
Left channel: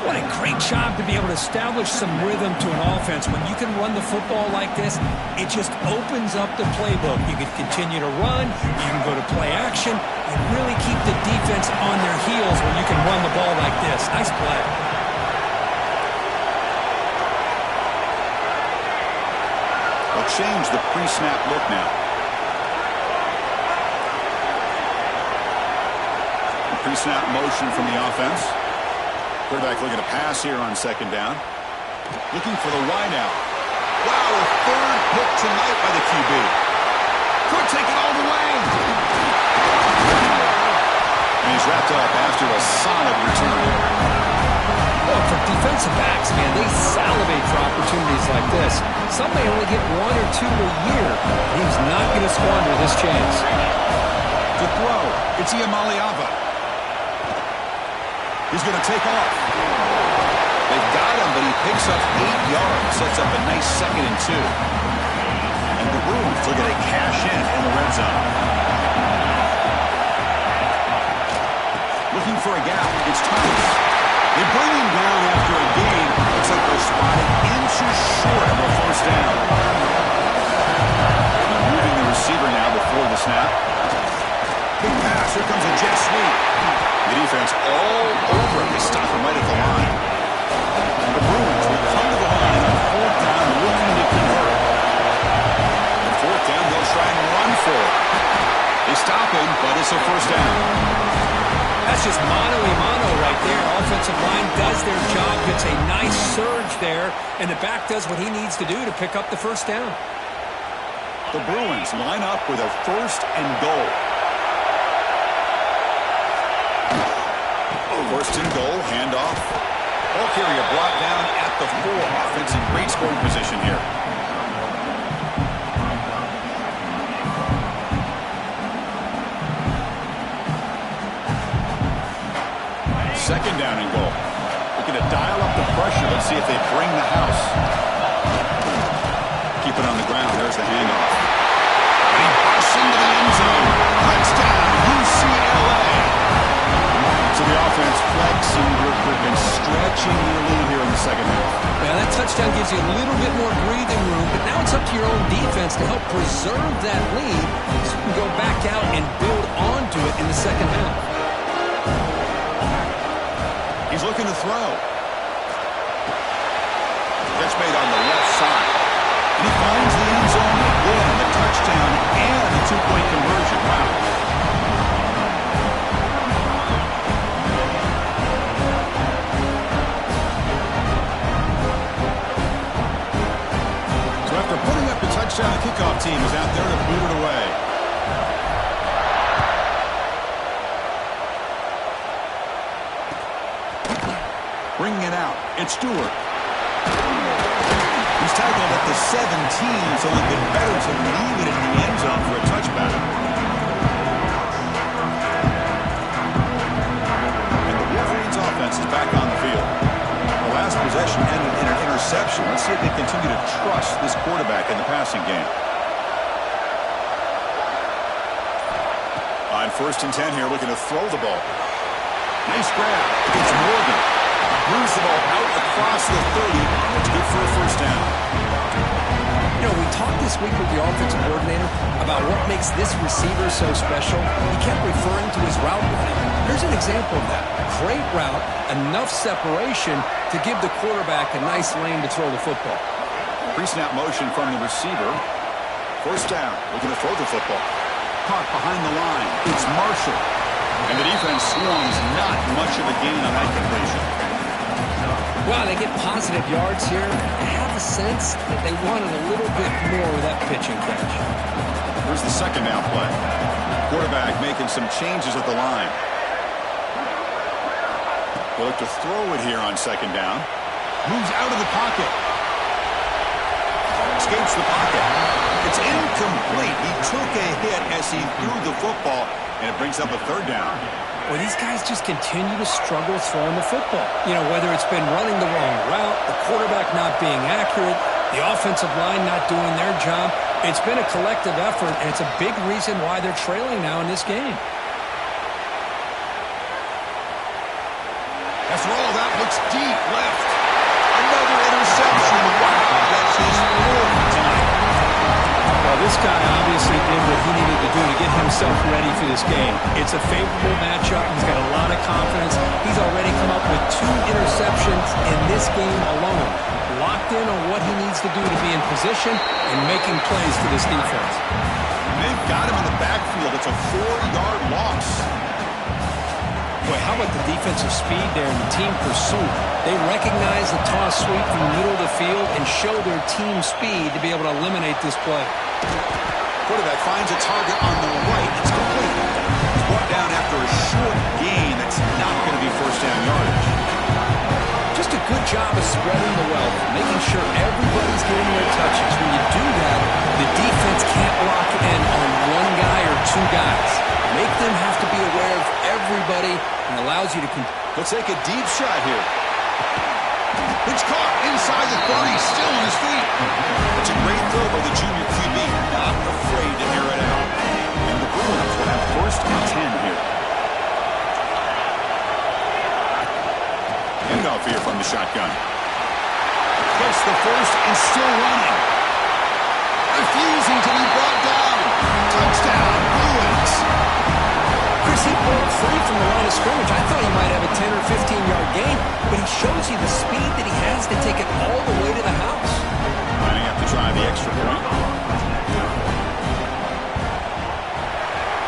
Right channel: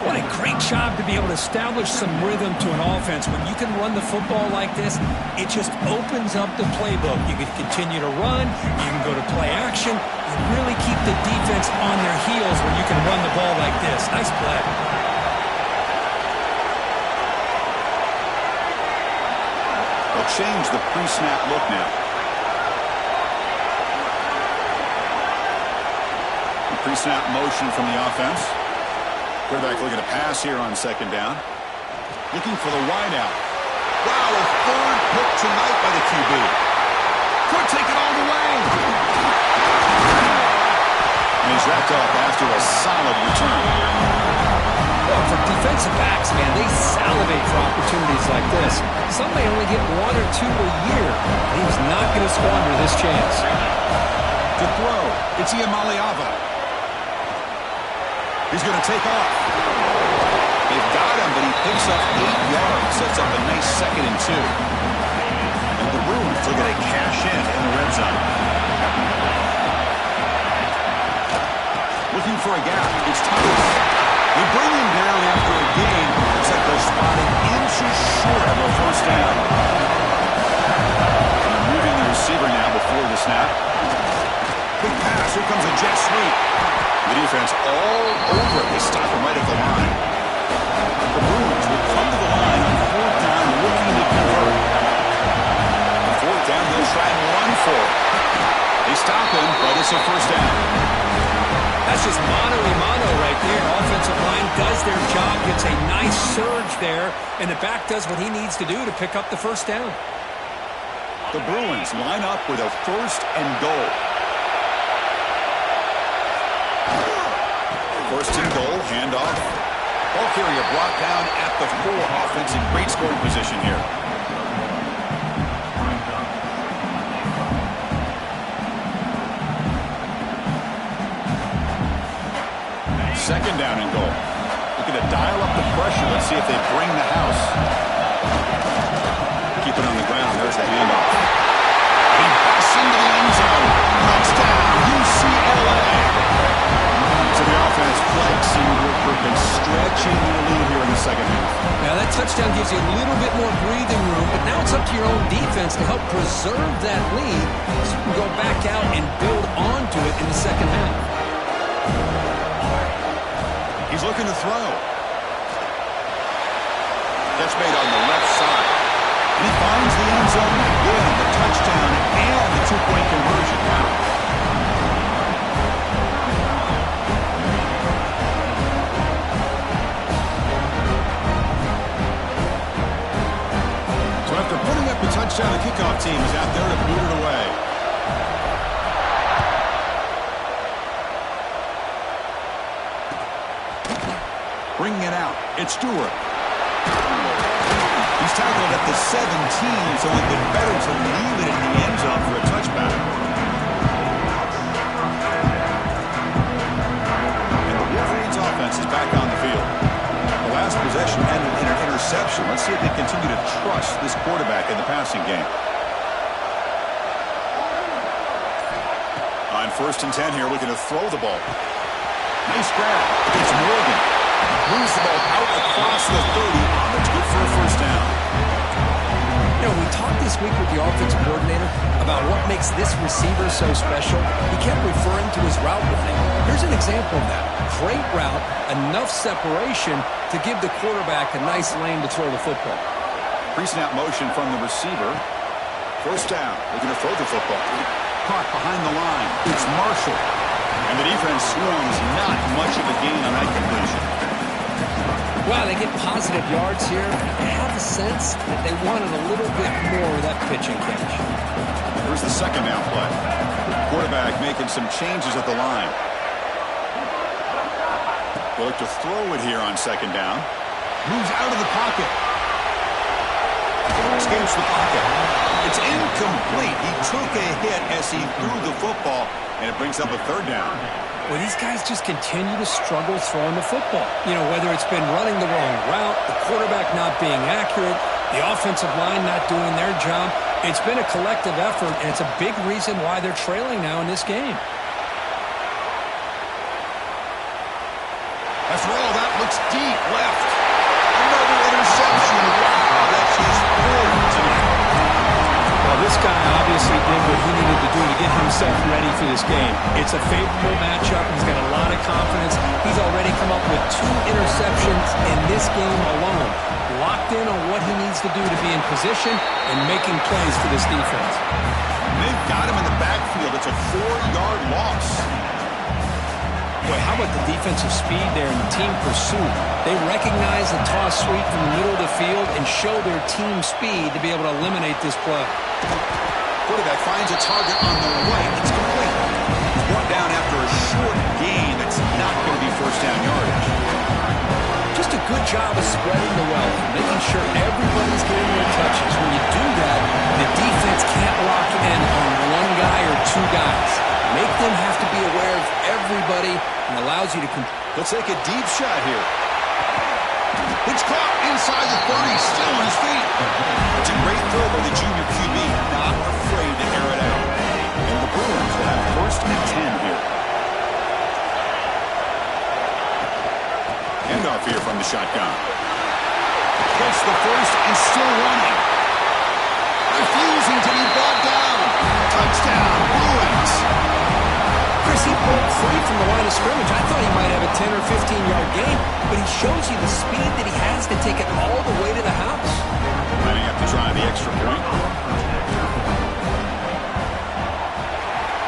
What a great job to be able to establish some rhythm to an offense. When you can run the football like this, it just opens up the playbook. You can continue to run. You can go to play action. And really keep the defense on their heels when you can run the ball like this. Nice play. They'll change the pre-snap look now. The pre-snap motion from the offense. Quarterback looking to pass here on second down. Looking for the wideout. Wow, a third pick tonight by the QB. Could take it all the way. And he's wrapped up after a solid return. Well, for defensive backs, man, they salivate for opportunities like this. Some may only get 1 or 2 a year. He's not going to squander this chance. To throw, it's Iamaleava. He's going to take off. They've got him, but he picks up 8 yards. Sets up a nice 2nd and 2. And the Bruins looking to cash in the red zone. Looking for a gap. It's Thomas. They bring him down after a gain. Looks like they're spotting inches short of a first down. And moving the receiver now before the snap. Big pass. Here comes a jet sweep. The defense all over it. They stop him right at the line. The Bruins will come to the line on 4th down, looking to convert. On 4th down, they'll try and run for it. They stop him, but it's a first down. That's just mano-a-mano right there. Offensive line does their job, gets a nice surge there, and the back does what he needs to do to pick up the first down. The Bruins line up with a 1st and goal. 1st and goal, handoff. Ball carrier brought down at the 4. Offense in great scoring position here. Second down and goal. Looking to dial up the pressure. Let's see if they bring the house. Keep it on the ground. There's the handoff. And he busts into the end zone. Touchdown, UCLA. So the offense flexing real quick and stretching their lead here in the second half. Now that touchdown gives you a little bit more breathing room, but now it's up to your own defense to help preserve that lead so you can go back out and build onto it in the second half. He's looking to throw. That's made on the left side. And he finds the end zone again, the touchdown and the two-point conversion. Wow. So after putting up the touchdown, the kickoff team is out there to boot it away. Bringing it out, it's Stewart. He's tackled at the 17, so it'd been better to leave it in the end zone for a touchback. And the Wolverines offense is back on the field. The last possession ended in an interception. Let's see if they continue to trust this quarterback in the passing game. On 1st and 10 here, looking to throw the ball. Nice grab. It's Morgan. Moves the ball out across the 30. That's good for a first down. You know, we talked this week with the offensive coordinator about what makes this receiver so special. He kept referring to his route running. Here's an example of that. Great route, enough separation to give the quarterback a nice lane to throw the football. Pre-snap motion from the receiver. First down, looking to throw the football. Caught behind the line. It's Marshall. And the defense swarms, not much of a gain on that completion. Wow, they get positive yards here. I have a sense that they wanted a little bit more of that pitch and catch. Here's the second down play. Quarterback making some changes at the line. They look to throw it here on second down. Moves out of the pocket. Escapes the pocket. It's incomplete. He took a hit as he threw the football, and it brings up a third down. Well, these guys just continue to struggle throwing the football. You know, whether it's been running the wrong route, the quarterback not being accurate, the offensive line not doing their job. It's been a collective effort, and it's a big reason why they're trailing now in this game. After all, that looks deep left. Another interception. Wow, that's his fourth tonight. Well, this guy obviously did what he needed to do to get himself ready for this game. It's a favorable matchup. He's got a lot of confidence. He's already come up with 2 interceptions in this game alone. Locked in on what he needs to do to be in position and making plays for this defense. They've got him in the backfield. It's a 4-yard loss. Boy, how about the defensive speed there in the team pursuit? They recognize the toss sweep from the middle of the field and show their team speed to be able to eliminate this play. Quarterback finds a target on the right. It's complete. It's brought down after a short gain. That's not going to be first down yardage. Just a good job of spreading the wealth, making sure everybody's getting their touches. When you do that, the defense can't lock in on one guy or 2 guys. Make them have to be aware of everybody and allows you to... Let's take a deep shot here. It's caught inside the 30, still on his feet. That's a great throw by the junior QB, not afraid to air it out. And the Bruins will have 1st and 10 here. Handoff here from the shotgun. Gets the first and still running. Refusing to be brought down. Touchdown, Bruins. Chris, he broke free from the line of scrimmage. I thought he might have a 10 or 15-yard gain, but he shows you the speed that he has to take it all the way to the house. Lining up to try the extra point.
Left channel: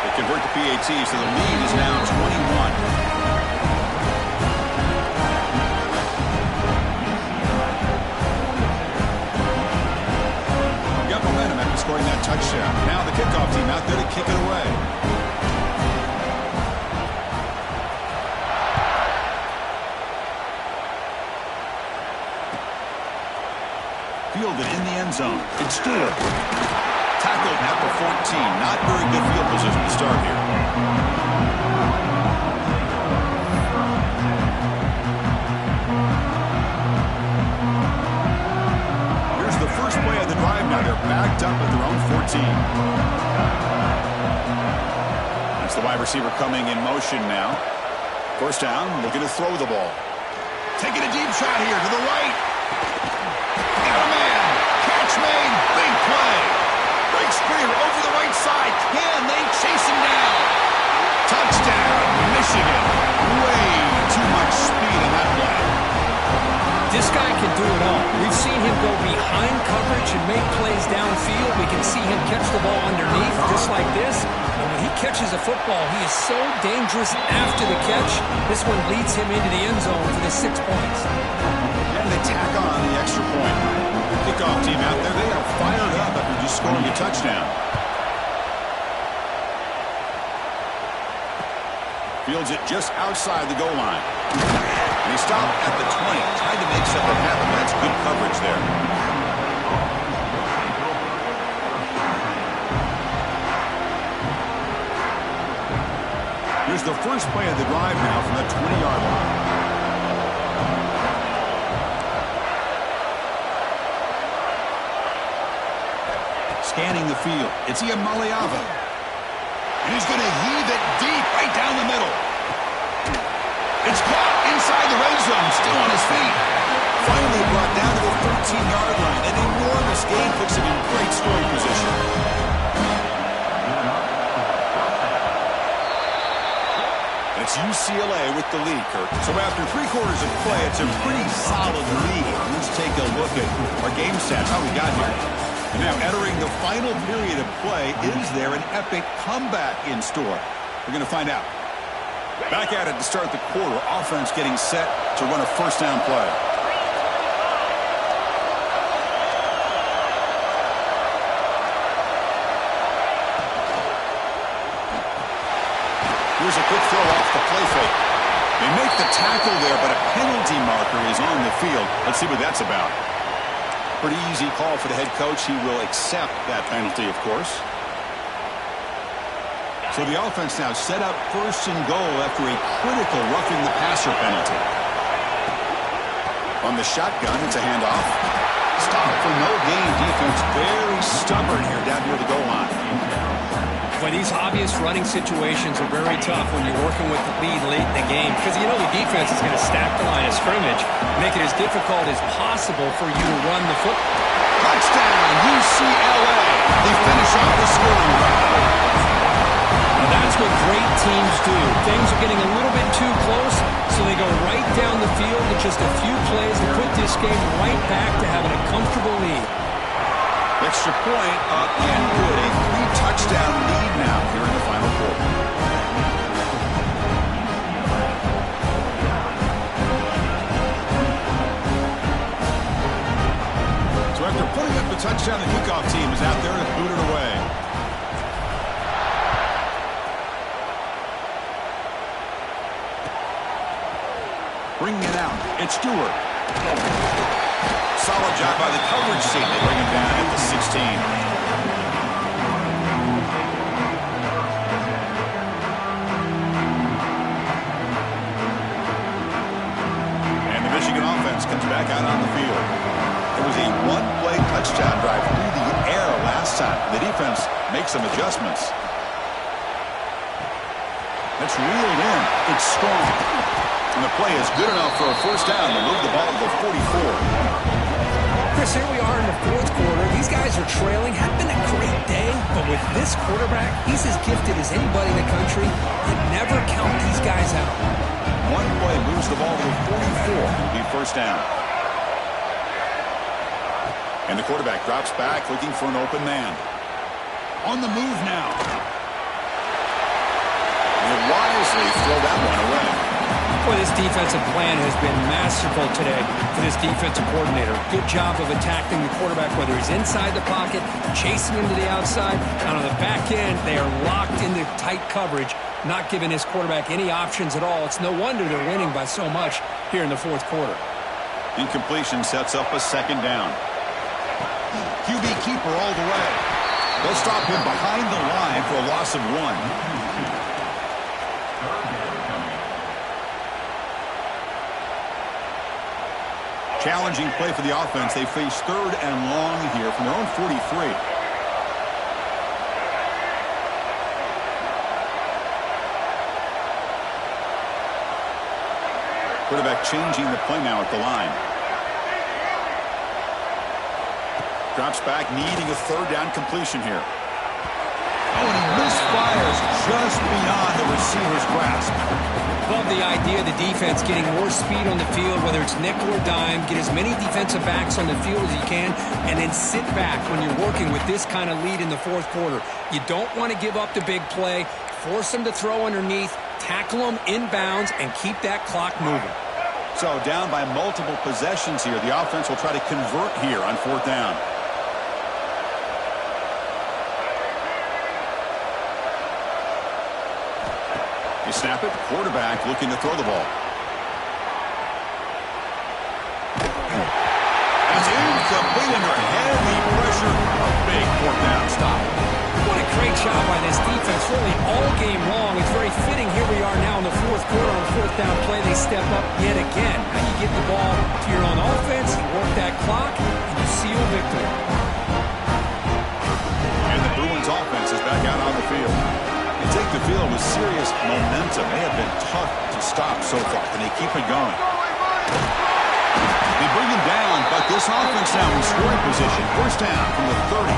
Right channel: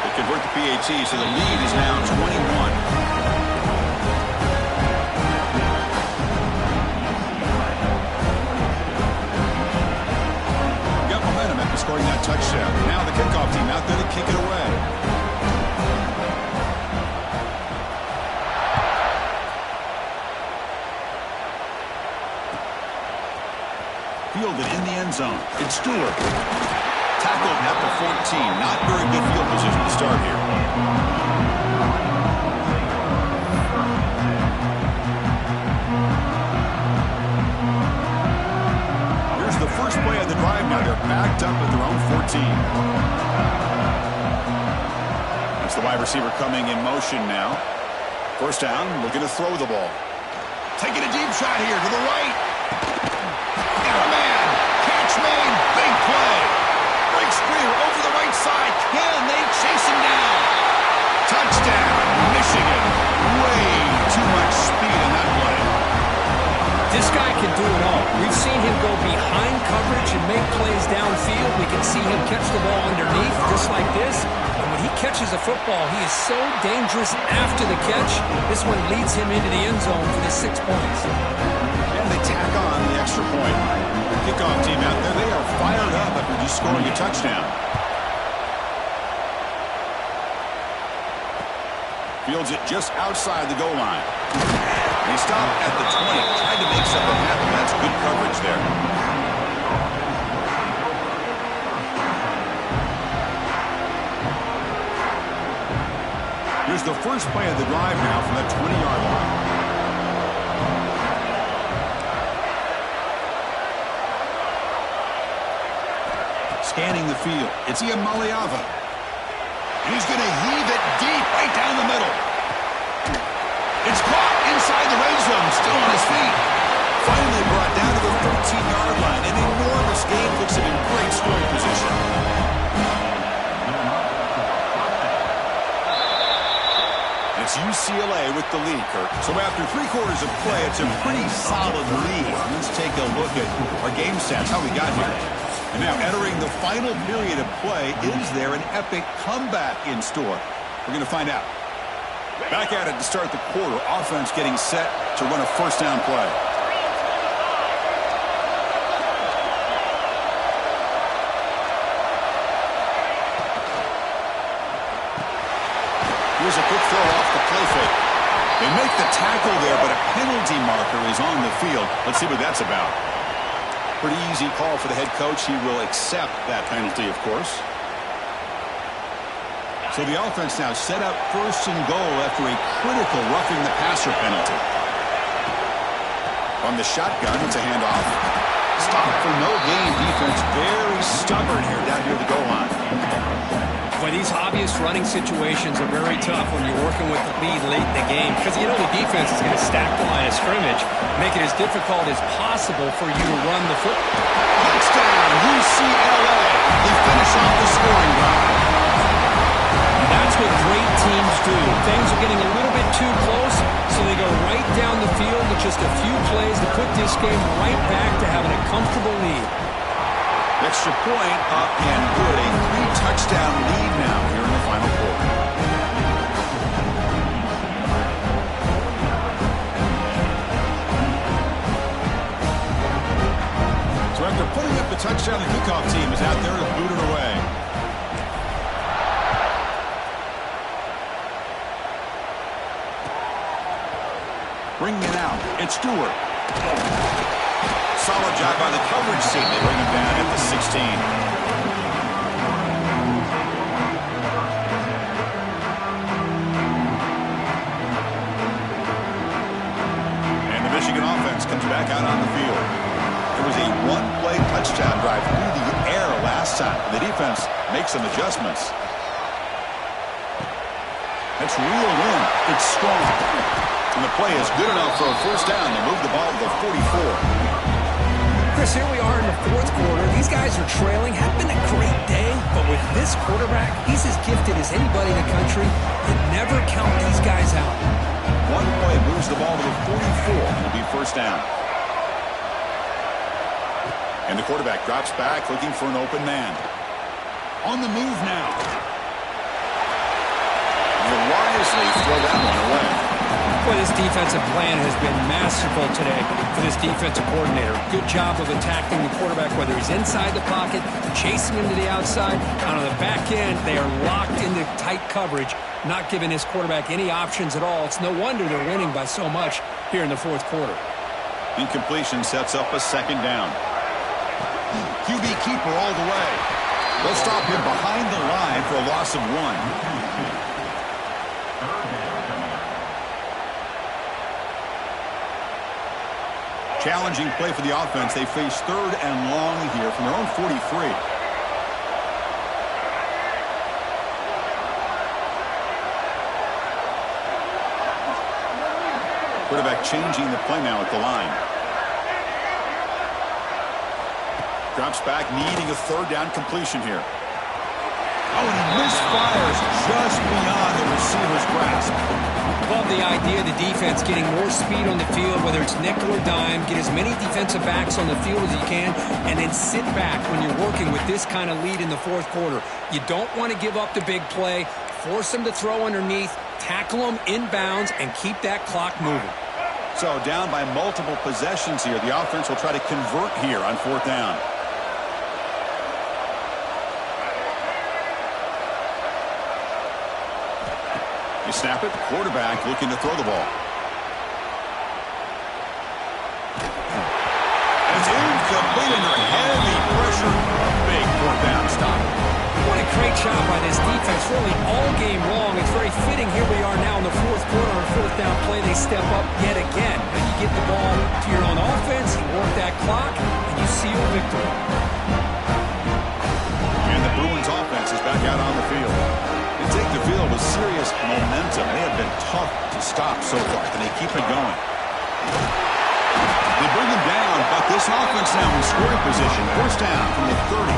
They convert the PAT, so the lead is now 21. Momentum after scoring that touchdown. Now the kickoff team out there to kick it away. Fielded in the end zone. It's Stewart. Tackled at the 14. Not very good field position to start here. Here's the first play of the the drive now. They're backed up at their own 14. That's the wide receiver coming in motion now. First down, looking to throw the ball. Taking a deep shot here to the right. Got a man. Catch made. Big play. Breaks free over the right side. Can they chase him down? Touchdown, Michigan. Way too much speed on that play. This guy can do it all. We've seen him go behind coverage and make plays downfield. We can see him catch the ball underneath just like this. And when he catches a football, he is so dangerous after the catch. This one leads him into the end zone for the 6 points. And they tack on the extra point. The kickoff team out there, they are fired up after just scoring a touchdown. Fields it just outside the goal line. And he stopped at the 20. Tried to make something happen. That's good coverage there. Here's the first play of the drive now from the 20-yard line. Scanning the field. It's Iamaleava. And he's going to heave it deep right down the middle. It's caught inside the red zone, still on his feet. Finally brought down to the 13-yard line. An enormous gain puts him in great scoring position. And it's UCLA with the lead, Kirk. So after 3 quarters of play, it's a pretty solid lead. Let's take a look at our game stats, how we got here. And now entering the final period of play, is there an epic comeback in store? We're going to find out. Back at it to start the quarter. Offense getting set to run a first down play. Here's a quick throw off the play fake. They make the tackle there, but a penalty marker is on the field. Let's see what that's about. Pretty easy call for the head coach. He will accept that penalty, of course. So the offense now set up first and goal after a critical roughing the passer penalty. On the shotgun, it's a handoff. Stop for no gain. Defense very stubborn here down near the goal line. Boy, these obvious running situations are very tough when you're working with the lead late in the game because you know the defense is going to stack the line of scrimmage, make it as difficult as possible for you to run the football. Touchdown, UCLA. They finish off the scoring drive. Now that's what great teams do. Things are getting a little bit too close, so they go right down the field with just a few plays to put this game right back to having a comfortable lead. Extra point up and good. A 3-touchdown lead now here in the final quarter. So after putting up the touchdown, the kickoff team is out there to boot it away. Bringing it out. It's Stewart. Solid job by the coverage team. They bring him down at the 16. And the Michigan offense comes back out on the field. There was a one-play touchdown drive through the air last time. The defense makes some adjustments. That's reeled in. It's strong. And the play is good enough for a first down to move the ball to the 44. Chris, here we are in the fourth quarter. These guys are trailing. Had been a great day, but with this quarterback, he's as gifted as anybody in the country. You never count these guys out. One play moves the ball to the 44. It'll be first down. And the quarterback drops back looking for an open man. On the move now. And he'll wisely throw that one away. Boy, this defensive plan has been masterful today for this defensive coordinator. Good job of attacking the quarterback, whether he's inside the pocket, chasing him to the outside. And on the back end, they are locked into tight coverage, not giving his quarterback any options at all. It's no wonder they're winning by so much here in the fourth quarter. Incompletion sets up a second down. QB keeper all the way. They'll stop him behind the line for a loss of 1. Challenging play for the offense. They face 3rd and long here from their own 43. Quarterback changing the play now at the line. Drops back, needing a 3rd down completion here. Oh, and he misfires just beyond the receiver's grasp. Love the idea of the defense getting more speed on the field, whether it's nickel or dime. Get as many defensive backs on the field as you can, and then sit back when you're working with this kind of lead in the 4th quarter. You don't want to give up the big play. Force them to throw underneath, tackle them inbounds, and keep that clock moving. So down by multiple possessions here. The offense will try to convert here on 4th down. You snap it. Quarterback looking to throw the ball. And it's incomplete under heavy pressure. A big 4th down stop. What a great job by this defense, really all game long. It's very fitting. Here we are now in the 4th quarter on a 4th down play. They step up yet again. Now you get the ball to your own offense, you work that clock, and you seal victory. And the Bruins offense is back out on the field. They take the field with serious momentum. They have been tough to stop so far, and they keep it going. They bring him down, but this offense now in scoring position. 1st down from the 30.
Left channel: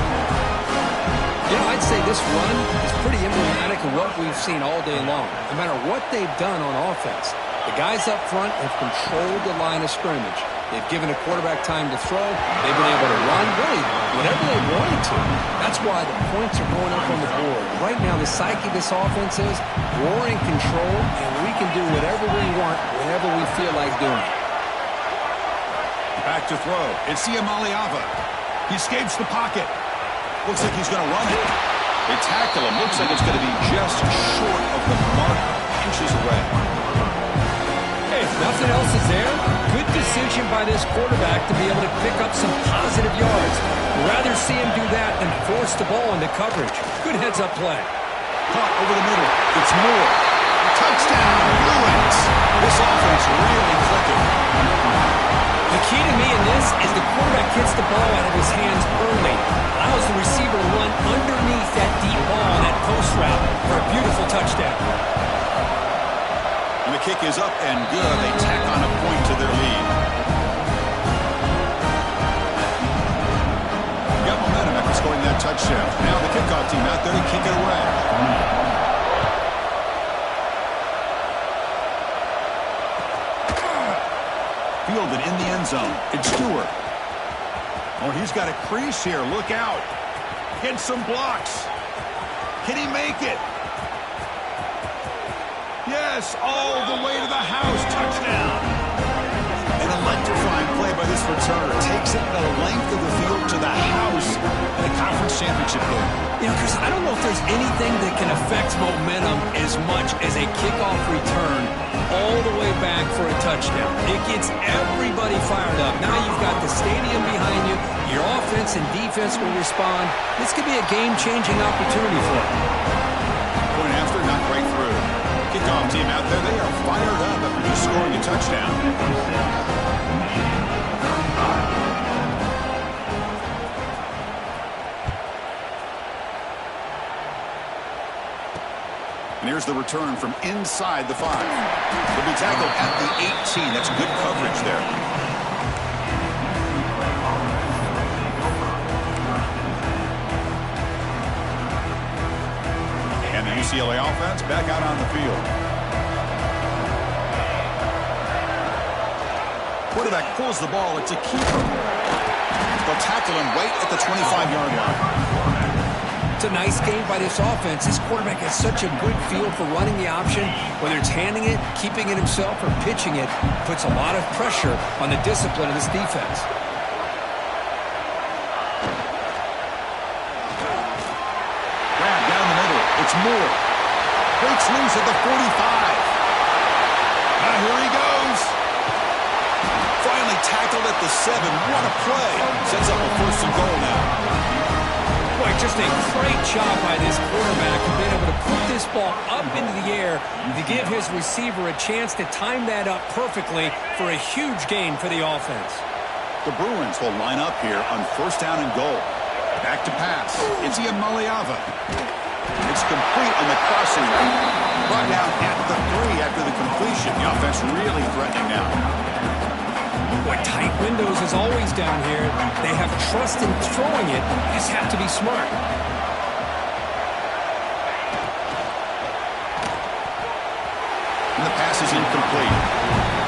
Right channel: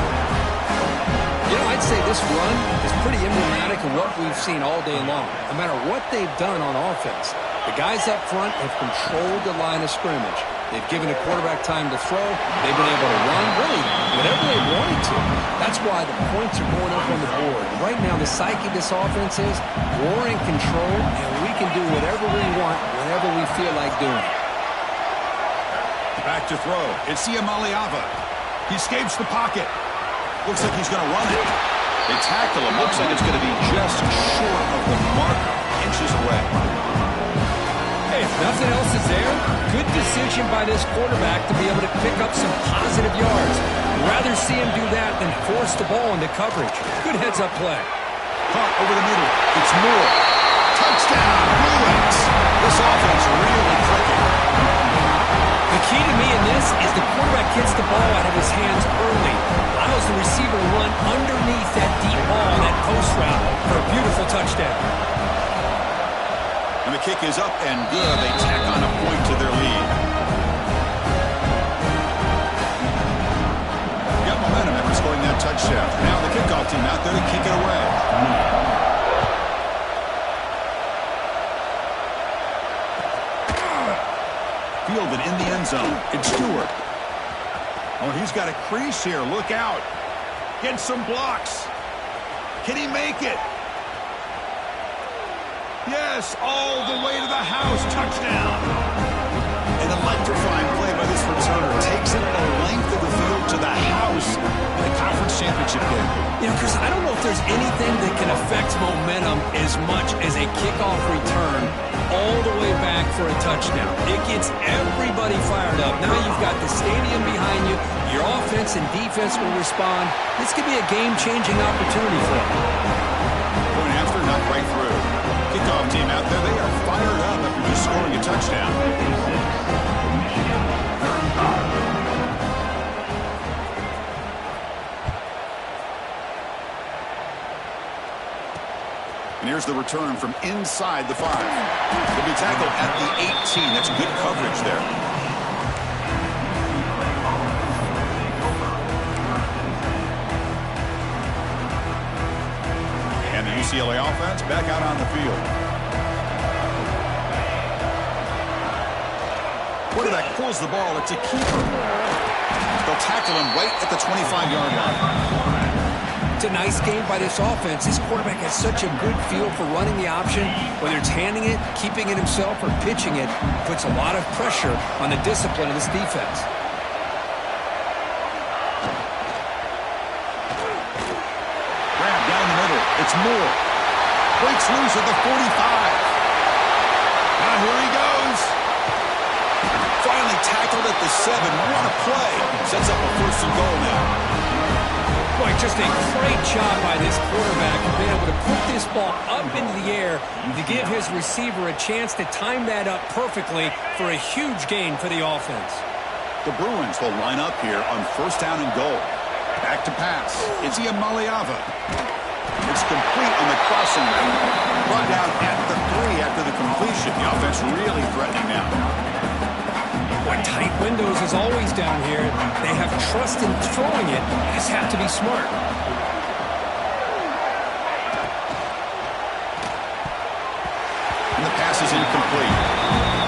You know, I'd say this run is pretty emblematic of what we've seen all day long. No matter what they've done on offense, the guys up front have controlled the line of scrimmage. They've given the quarterback time to throw. They've been able to run, really, whatever they wanted to. That's why the points are going up on the board. Right now, the psyche of this offense is we're in control, and we can do whatever we want whenever we feel like doing it. Back to throw. It's Iamaleava. He escapes the pocket. Looks like he's going to run it. They tackle him. Looks like it's going to be just short of the marker, inches away. Hey, if nothing else is there, good decision by this quarterback to be able to pick up some positive yards. Rather see him do that than force the ball into coverage. Good heads-up play. Caught over the middle. It's Moore. Touchdown, Bruins. This offense really clicking. The key to me in this is the quarterback gets the ball out of his hands early, allows the receiver to run underneath that deep ball on that post route for a beautiful touchdown. And the kick is up and good. They tack on a point to their lead. Got momentum after scoring that touchdown. Now the kickoff team out there to kick it away. Fielded in the end zone. It's Stewart. Oh, he's got a crease here. Look out. Get some blocks. Can he make it? Yes, all the way to the house. Touchdown. An electrifying play by this returner. Takes it the length of the field to the house in the conference championship game. You know, Chris, I don't know if there's anything that can affect momentum as much as a kickoff return all the way back for a touchdown. It gets everybody fired up. Now you've got the stadium behind you. Your offense and defense will respond. This could be a game-changing opportunity for them. Point after, not right through. Kickoff team out there, they are fired up after just scoring a touchdown. And here's the return from inside the 5. They'll be tackled at the 18. That's good coverage there. And the UCLA offense back out on the field. Quarterback pulls the ball. It's a keeper. They'll tackle him right at the 25-yard line. It's a nice game by this offense. This quarterback has such a good feel for running the option. Whether it's handing it, keeping it himself, or pitching it, puts a lot of pressure on the discipline of this defense. Grab down the middle. It's Moore. Breaks loose at the 45. Now here he goes. Finally tackled at the 7. What a play. Sets up a 1st and goal now. Boy, just a great job by this quarterback of being able to put this ball up into the air to give his receiver a chance to time that up perfectly for a huge gain for the offense. The Bruins will line up here on first down and goal. Back to pass. It's Iamaleava. It's complete on the crossing route. Brought down at the 3 after the completion. The offense really threatening now. Boy, tight windows is always down here. They have trust in throwing it. Just have to be smart. And the pass is incomplete.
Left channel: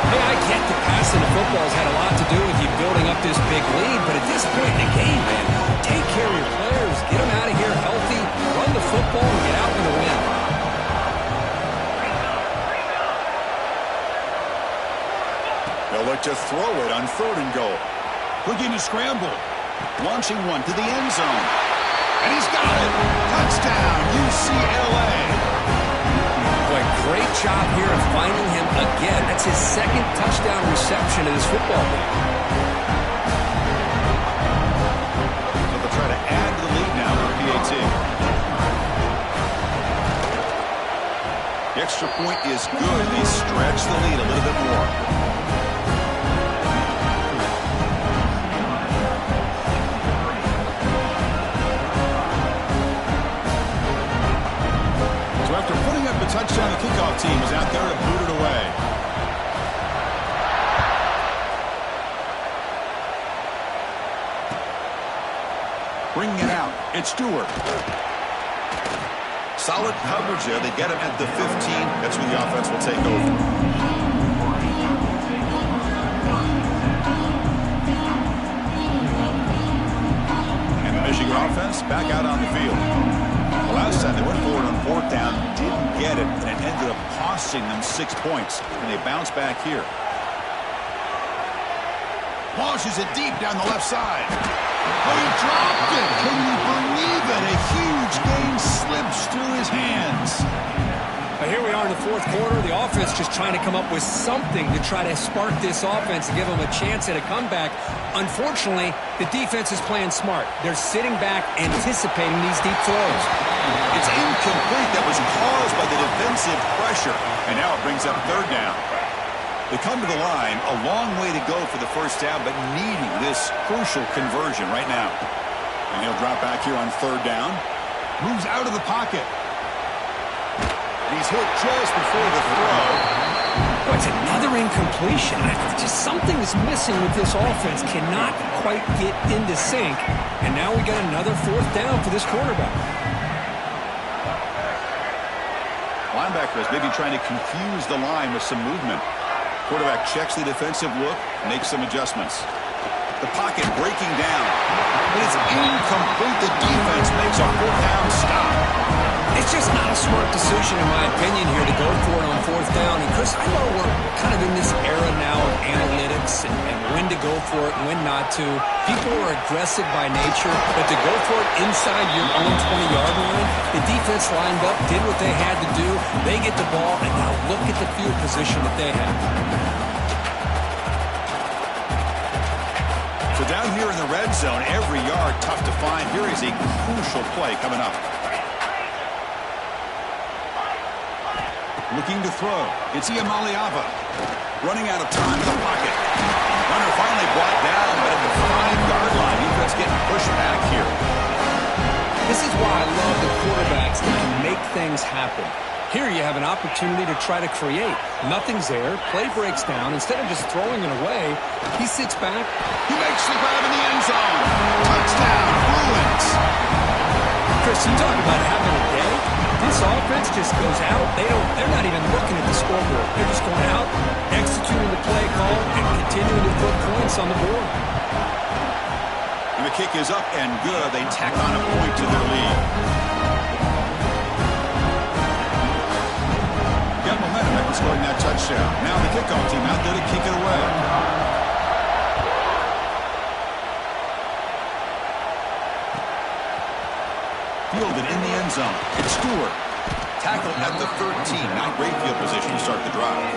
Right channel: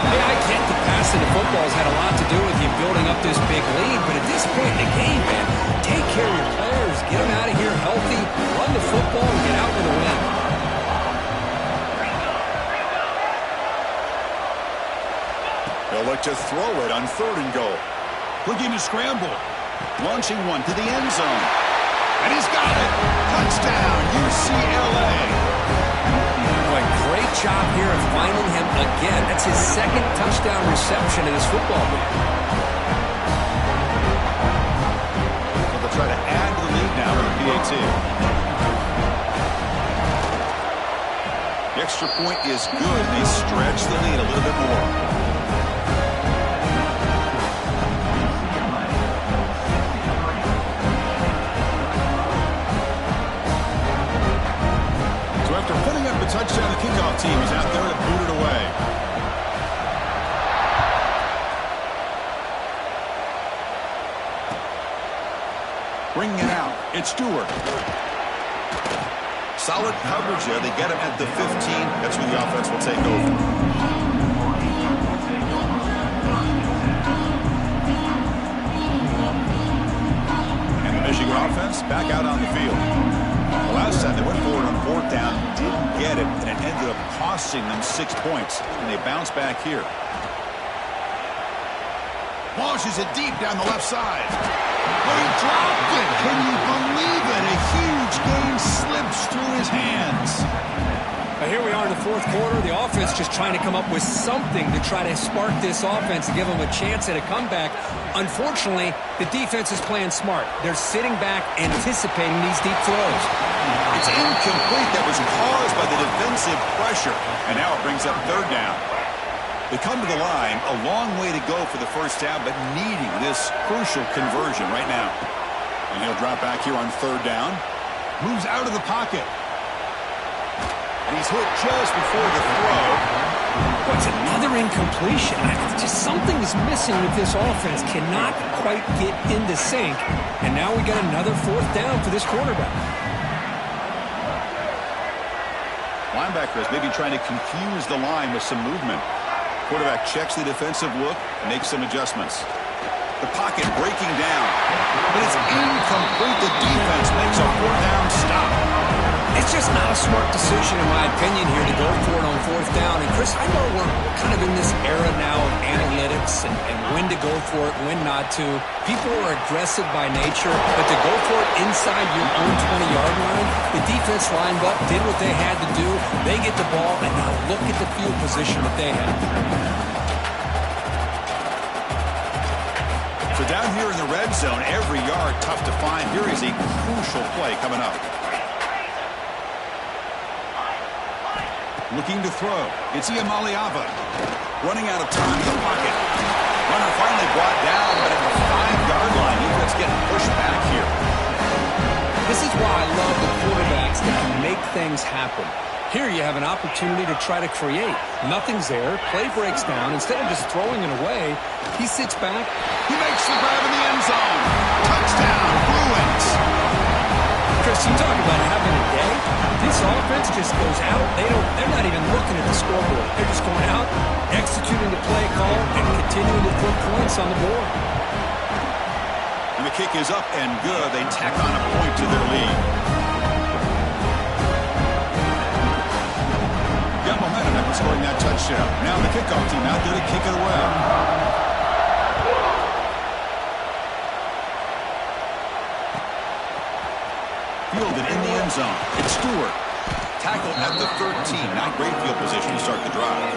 Hey, I get the passing of football has had a lot to do with you building up this big lead, but at this point in the game, man, take care of your players, get them out of here healthy, run the football, and get out with a win. They'll look to throw it on 3rd and goal. Looking to scramble. Launching one to the end zone. And he's got it. Touchdown, UCLA. Boy, great job here of finding him again. That's his 2nd touchdown reception of this football game. So they'll try to add to the lead now with a PAT. The extra point is good. They stretch the lead a little bit more. So after putting up a touchdown, the kickoff team is out there to boot it away. Bringing it out, it's Stewart. Solid coverage there. They get him at the 15. That's where the offense will take over. And the Michigan offense back out on the field. The last time they went forward on 4th down, didn't get it, and it ended up costing them 6 points. And they bounce back here. Launches it deep down the left side. Oh, he dropped it. Can you believe it? A huge game slips through his hands. But here we are in the 4th quarter. The offense just trying to come up with something to try to spark this offense and give them a chance at a comeback. Unfortunately, the defense is playing smart. They're sitting back, anticipating these deep throws. It's incomplete. That was caused by the defensive pressure. And now it brings up 3rd down. They come to the line, a long way to go for the first down, but needing this crucial conversion right now. And he'll drop back here on 3rd down. Moves out of the pocket. And he's hit just before the throw. Boy, it's another incompletion. Just something is missing with this offense. Cannot quite get into sync. And now we got another 4th down for this quarterback. Linebacker is maybe trying to confuse the line with some movement. Quarterback checks the defensive look, makes some adjustments. The pocket breaking down. But it's incomplete. The defense makes a 4th down stop. It's just not a smart decision, in my opinion, here to go for it on 4th down. And, Chris, I know we're kind of in this era now of analytics and when to go for it and when not to. People are aggressive by nature, but to go for it inside your own 20-yard line, the defense lined up, did what they had to do. They get the ball, and now look at the field position that they have. So down here in the red zone, every yard tough to find. Here is a crucial play coming up. Looking to throw. It's Iamaleava. Running out of time in the pocket. Runner finally brought down, but at the 5-yard line, defense getting pushed back here. This is why I love the quarterbacks that can make things happen. Here you have an opportunity to try to create. Nothing's there. Play breaks down. Instead of just throwing it away, he sits back. He makes the grab in the end zone. Touchdown, Bruins. Chris, you talk about having a day. This offense just goes out. They're not even looking at the scoreboard. They're just going out, executing the play call, and continuing to put points on the board. And the kick is up and good. They tack on a point to their lead. Got momentum after scoring that touchdown. Now the kickoff team out there to kick it away. Fielded in the end zone. It's Stewart. Tackled at the 13. Not great field position to start the drive.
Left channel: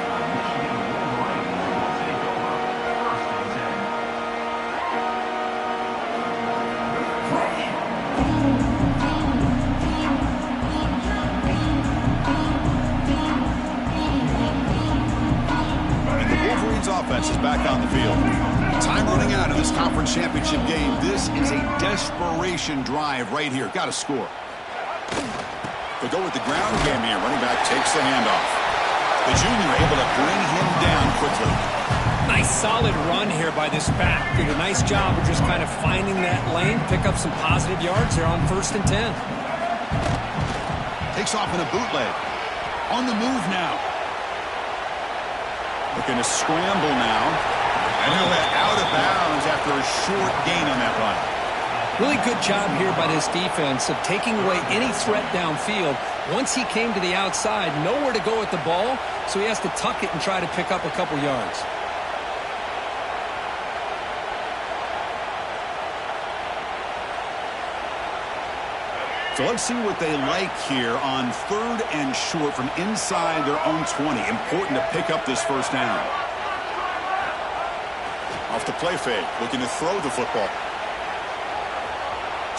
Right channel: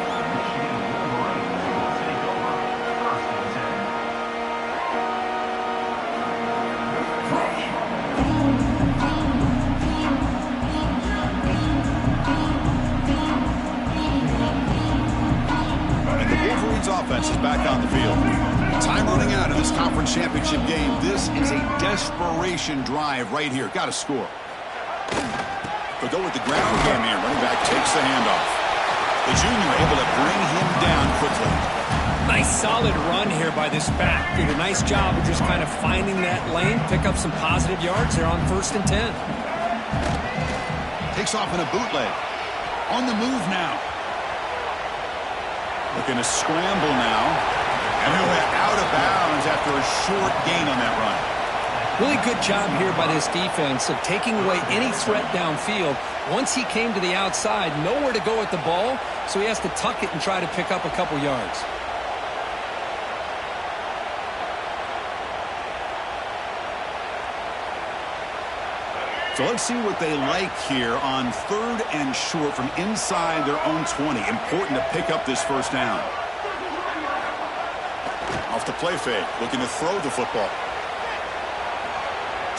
And the Wolverines offense offense is back on the field. Time running out in this conference championship game. This is a desperation drive right here. Got to score. They'll go with the ground game here. Running back takes the handoff. The junior able to bring him down quickly. Nice solid run here by this back. Did a nice job of just kind of finding that lane, pick up some positive yards there on 1st and 10. Takes off in a bootleg. On the move now. Looking to scramble now. And he'll head out of bounds after a short gain on that run. Really good job here by this defense of taking away any threat downfield. Once he came to the outside, nowhere to go with the ball, so he has to tuck it and try to pick up a couple yards. So let's see what they like here on 3rd and short from inside their own 20. Important to pick up this first down. Off the play fake, looking to throw the football.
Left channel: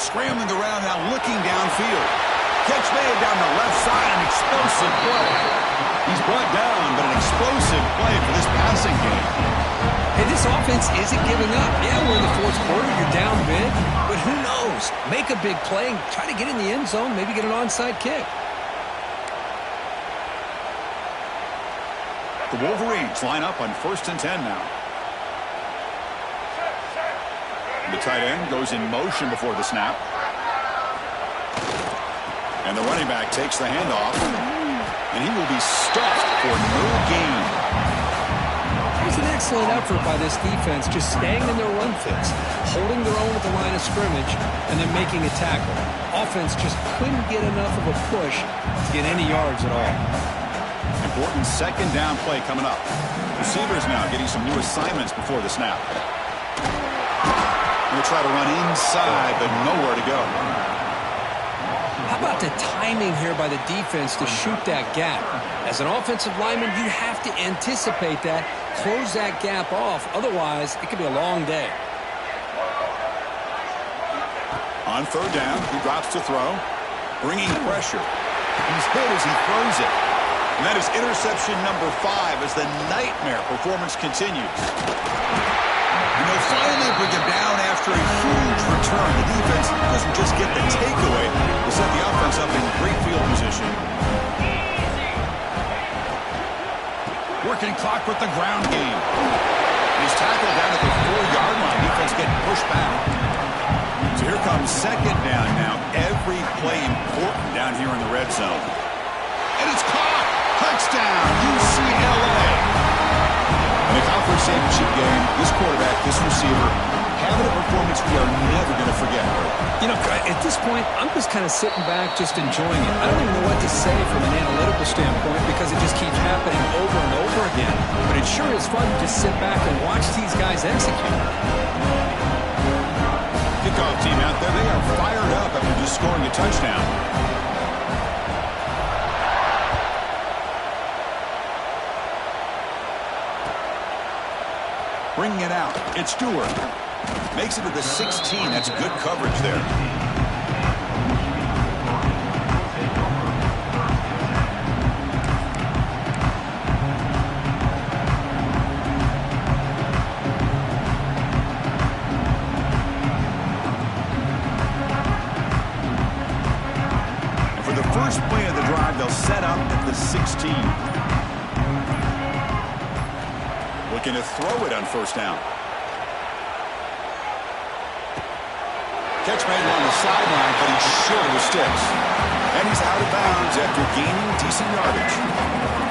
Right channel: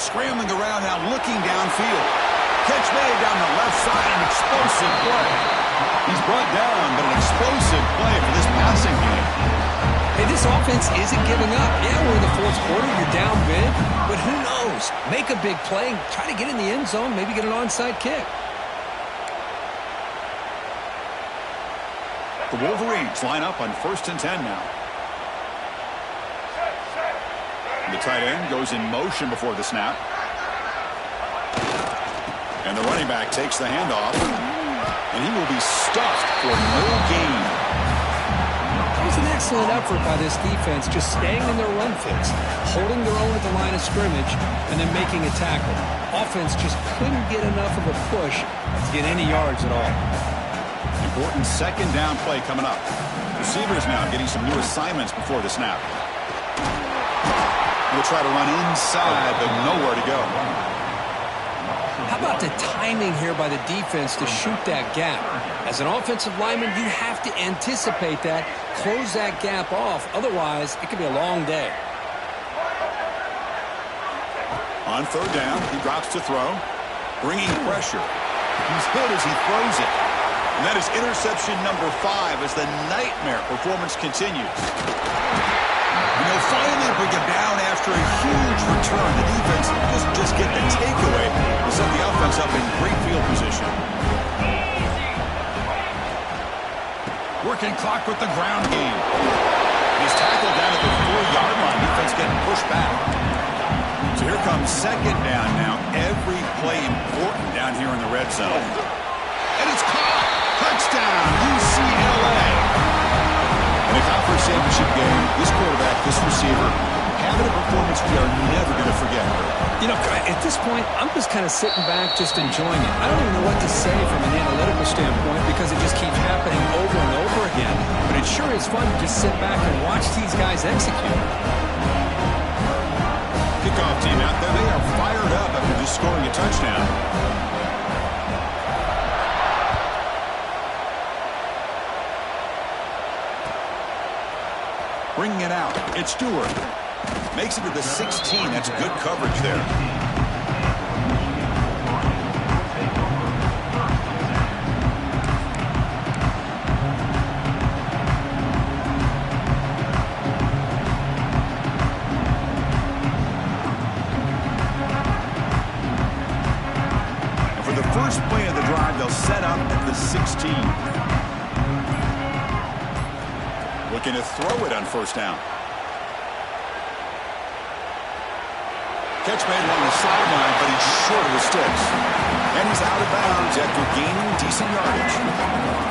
Scrambling around now, looking downfield. Catch made down the left side, an explosive play. He's brought down, but an explosive play for this passing game. Hey, this offense isn't giving up. Yeah, we're in the 4th quarter. You're down big, but who knows? Make a big play, try to get in the end zone, maybe get an onside kick. The Wolverines line up on 1st and 10 now. The tight end goes in motion before the snap. And the running back takes the handoff. And he will be stuffed for no gain. It was an excellent effort by this defense, just staying in their run fits, holding their own at the line of scrimmage, and then making a tackle. Offense just couldn't get enough of a push to get any yards at all. Important 2nd down play coming up. Receivers now getting some new assignments before the snap. We'll try to run inside, but nowhere to go. How about the timing here by the defense to shoot that gap? As an offensive lineman, you have to anticipate that, close that gap off. Otherwise, it could be a long day. On 3rd down, he drops to throw, bringing pressure. He's hit as he throws it. And that is interception number 5 as the nightmare performance continues. And they'll finally bring him down after a huge return. The defense doesn't just get the takeaway, they set the offense up in great field position. Working clock with the ground game. He's tackled down at the 4-yard line. Defense getting pushed back. So here comes 2nd down now. Every play important down here in the red zone. And it's caught. Touchdown, UCLA. In a conference championship game, this quarterback, this receiver, having a performance we are never going to forget. You know, at this point, I'm just kind of sitting back, just enjoying it. I don't even know what to say from an analytical standpoint because it just keeps happening over and over again. But it sure is fun to just sit back and watch these guys execute. Kickoff team out there, they are fired up after just scoring a touchdown. Bringing it out, it's Stewart. Makes it to the 16. That's good coverage there. And for the first play of the drive, they'll set up at the 16. Looking to throw it on 1st down. Catch made along the sideline, but he's short of the sticks. And he's out of bounds after gaining decent yardage.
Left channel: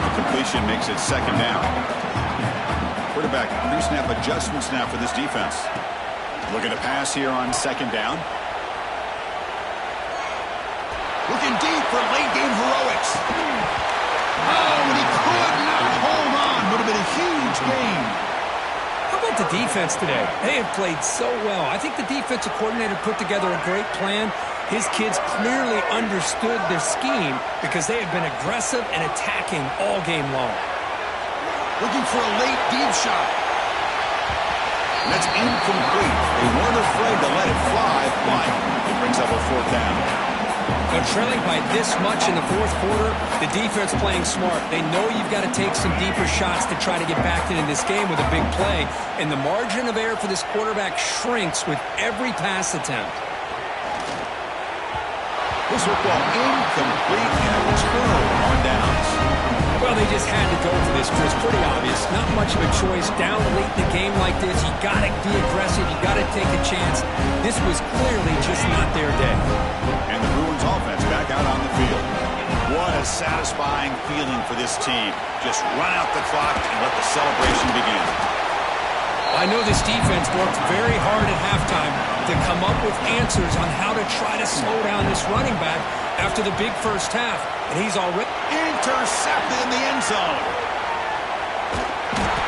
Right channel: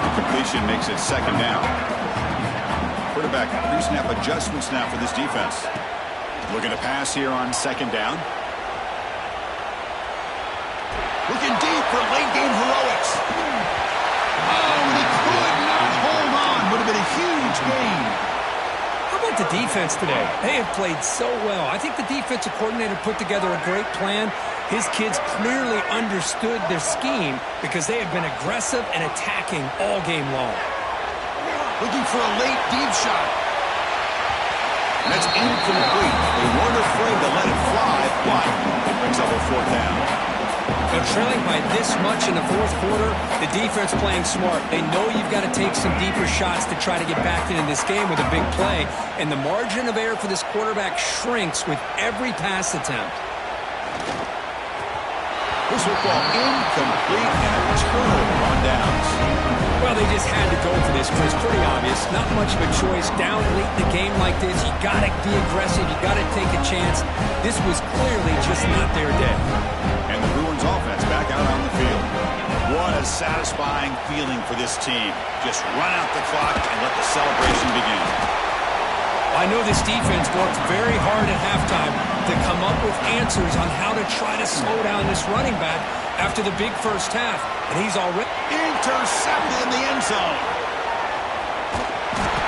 The completion makes it 2nd down. Quarterback pre-snap adjustments now for this defense. Looking to pass here on 2nd down. Looking deep for late game heroics. Oh, and he could not hold on. Would have been a huge gain. How about the defense today? They have played so well. I think the defensive coordinator put together a great plan. His kids clearly understood their scheme because they have been aggressive and attacking all game long. Looking for a late deep shot. And that's incomplete. They weren't afraid to let it fly, but it brings up a 4th down. They're trailing by this much in the fourth quarter. The defense playing smart. They know you've got to take some deeper shots to try to get back into this game with a big play. And the margin of error for this quarterback shrinks with every pass attempt. This football incomplete and a turnover on downs. Well, they just had to go for this, Chris. Pretty obvious. Not much of a choice. Down late in the game like this, you got to be aggressive. You got to take a chance. This was clearly just not their day. And the Bruins offense back out on the field. What a satisfying feeling for this team. Just run out the clock and let the celebration begin. I know this defense worked very hard at halftime to come up with answers on how to try to slow down this running back after the big first half. And he's already intercepted in the end zone.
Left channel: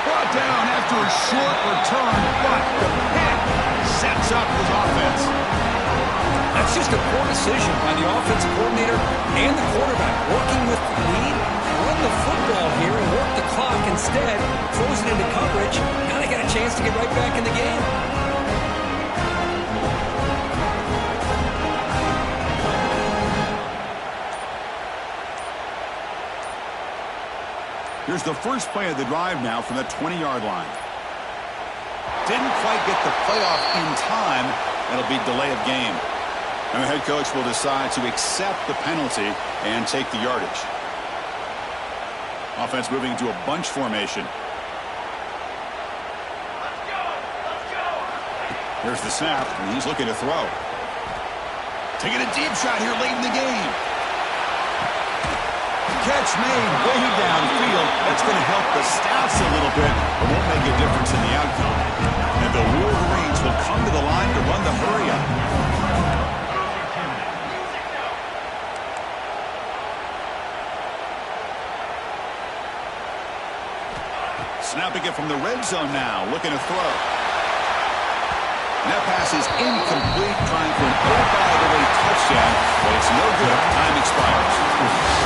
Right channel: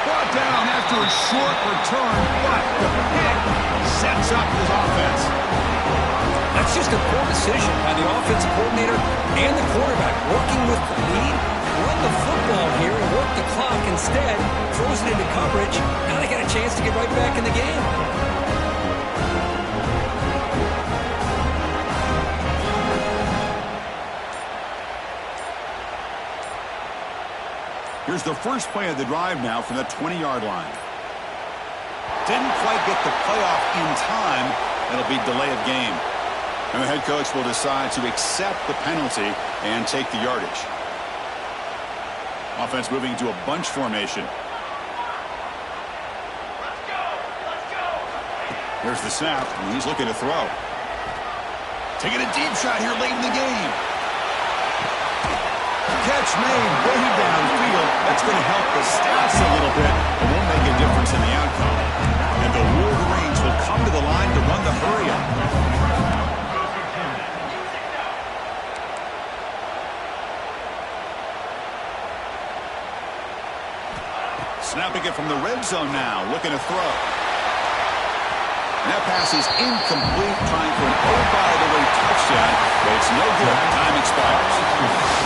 Brought down after a short return, but the pick sets up his offense. That's just a poor decision by the offensive coordinator and the quarterback. Working with the lead, run the football here and work the clock. Instead, throws it into coverage. Now they got a chance to get right back in the game. Here's the first play of the drive now from the 20-yard line. Didn't quite get the playoff in time. It'll be delay of game. And the head coach will decide to accept the penalty and take the yardage. Offense moving into a bunch formation. Let's go! Here's the snap, and he's looking to throw. Taking a deep shot here late in the game. Catch made way downfield. That's going to help the stats a little bit, but won't make a difference in the outcome. And the Wolverines will come to the line to run the hurry-up. Snapping it from the red zone now, looking to throw. And that pass is incomplete, trying for an oh-by-the-way touchdown, but it's no good. Time expires.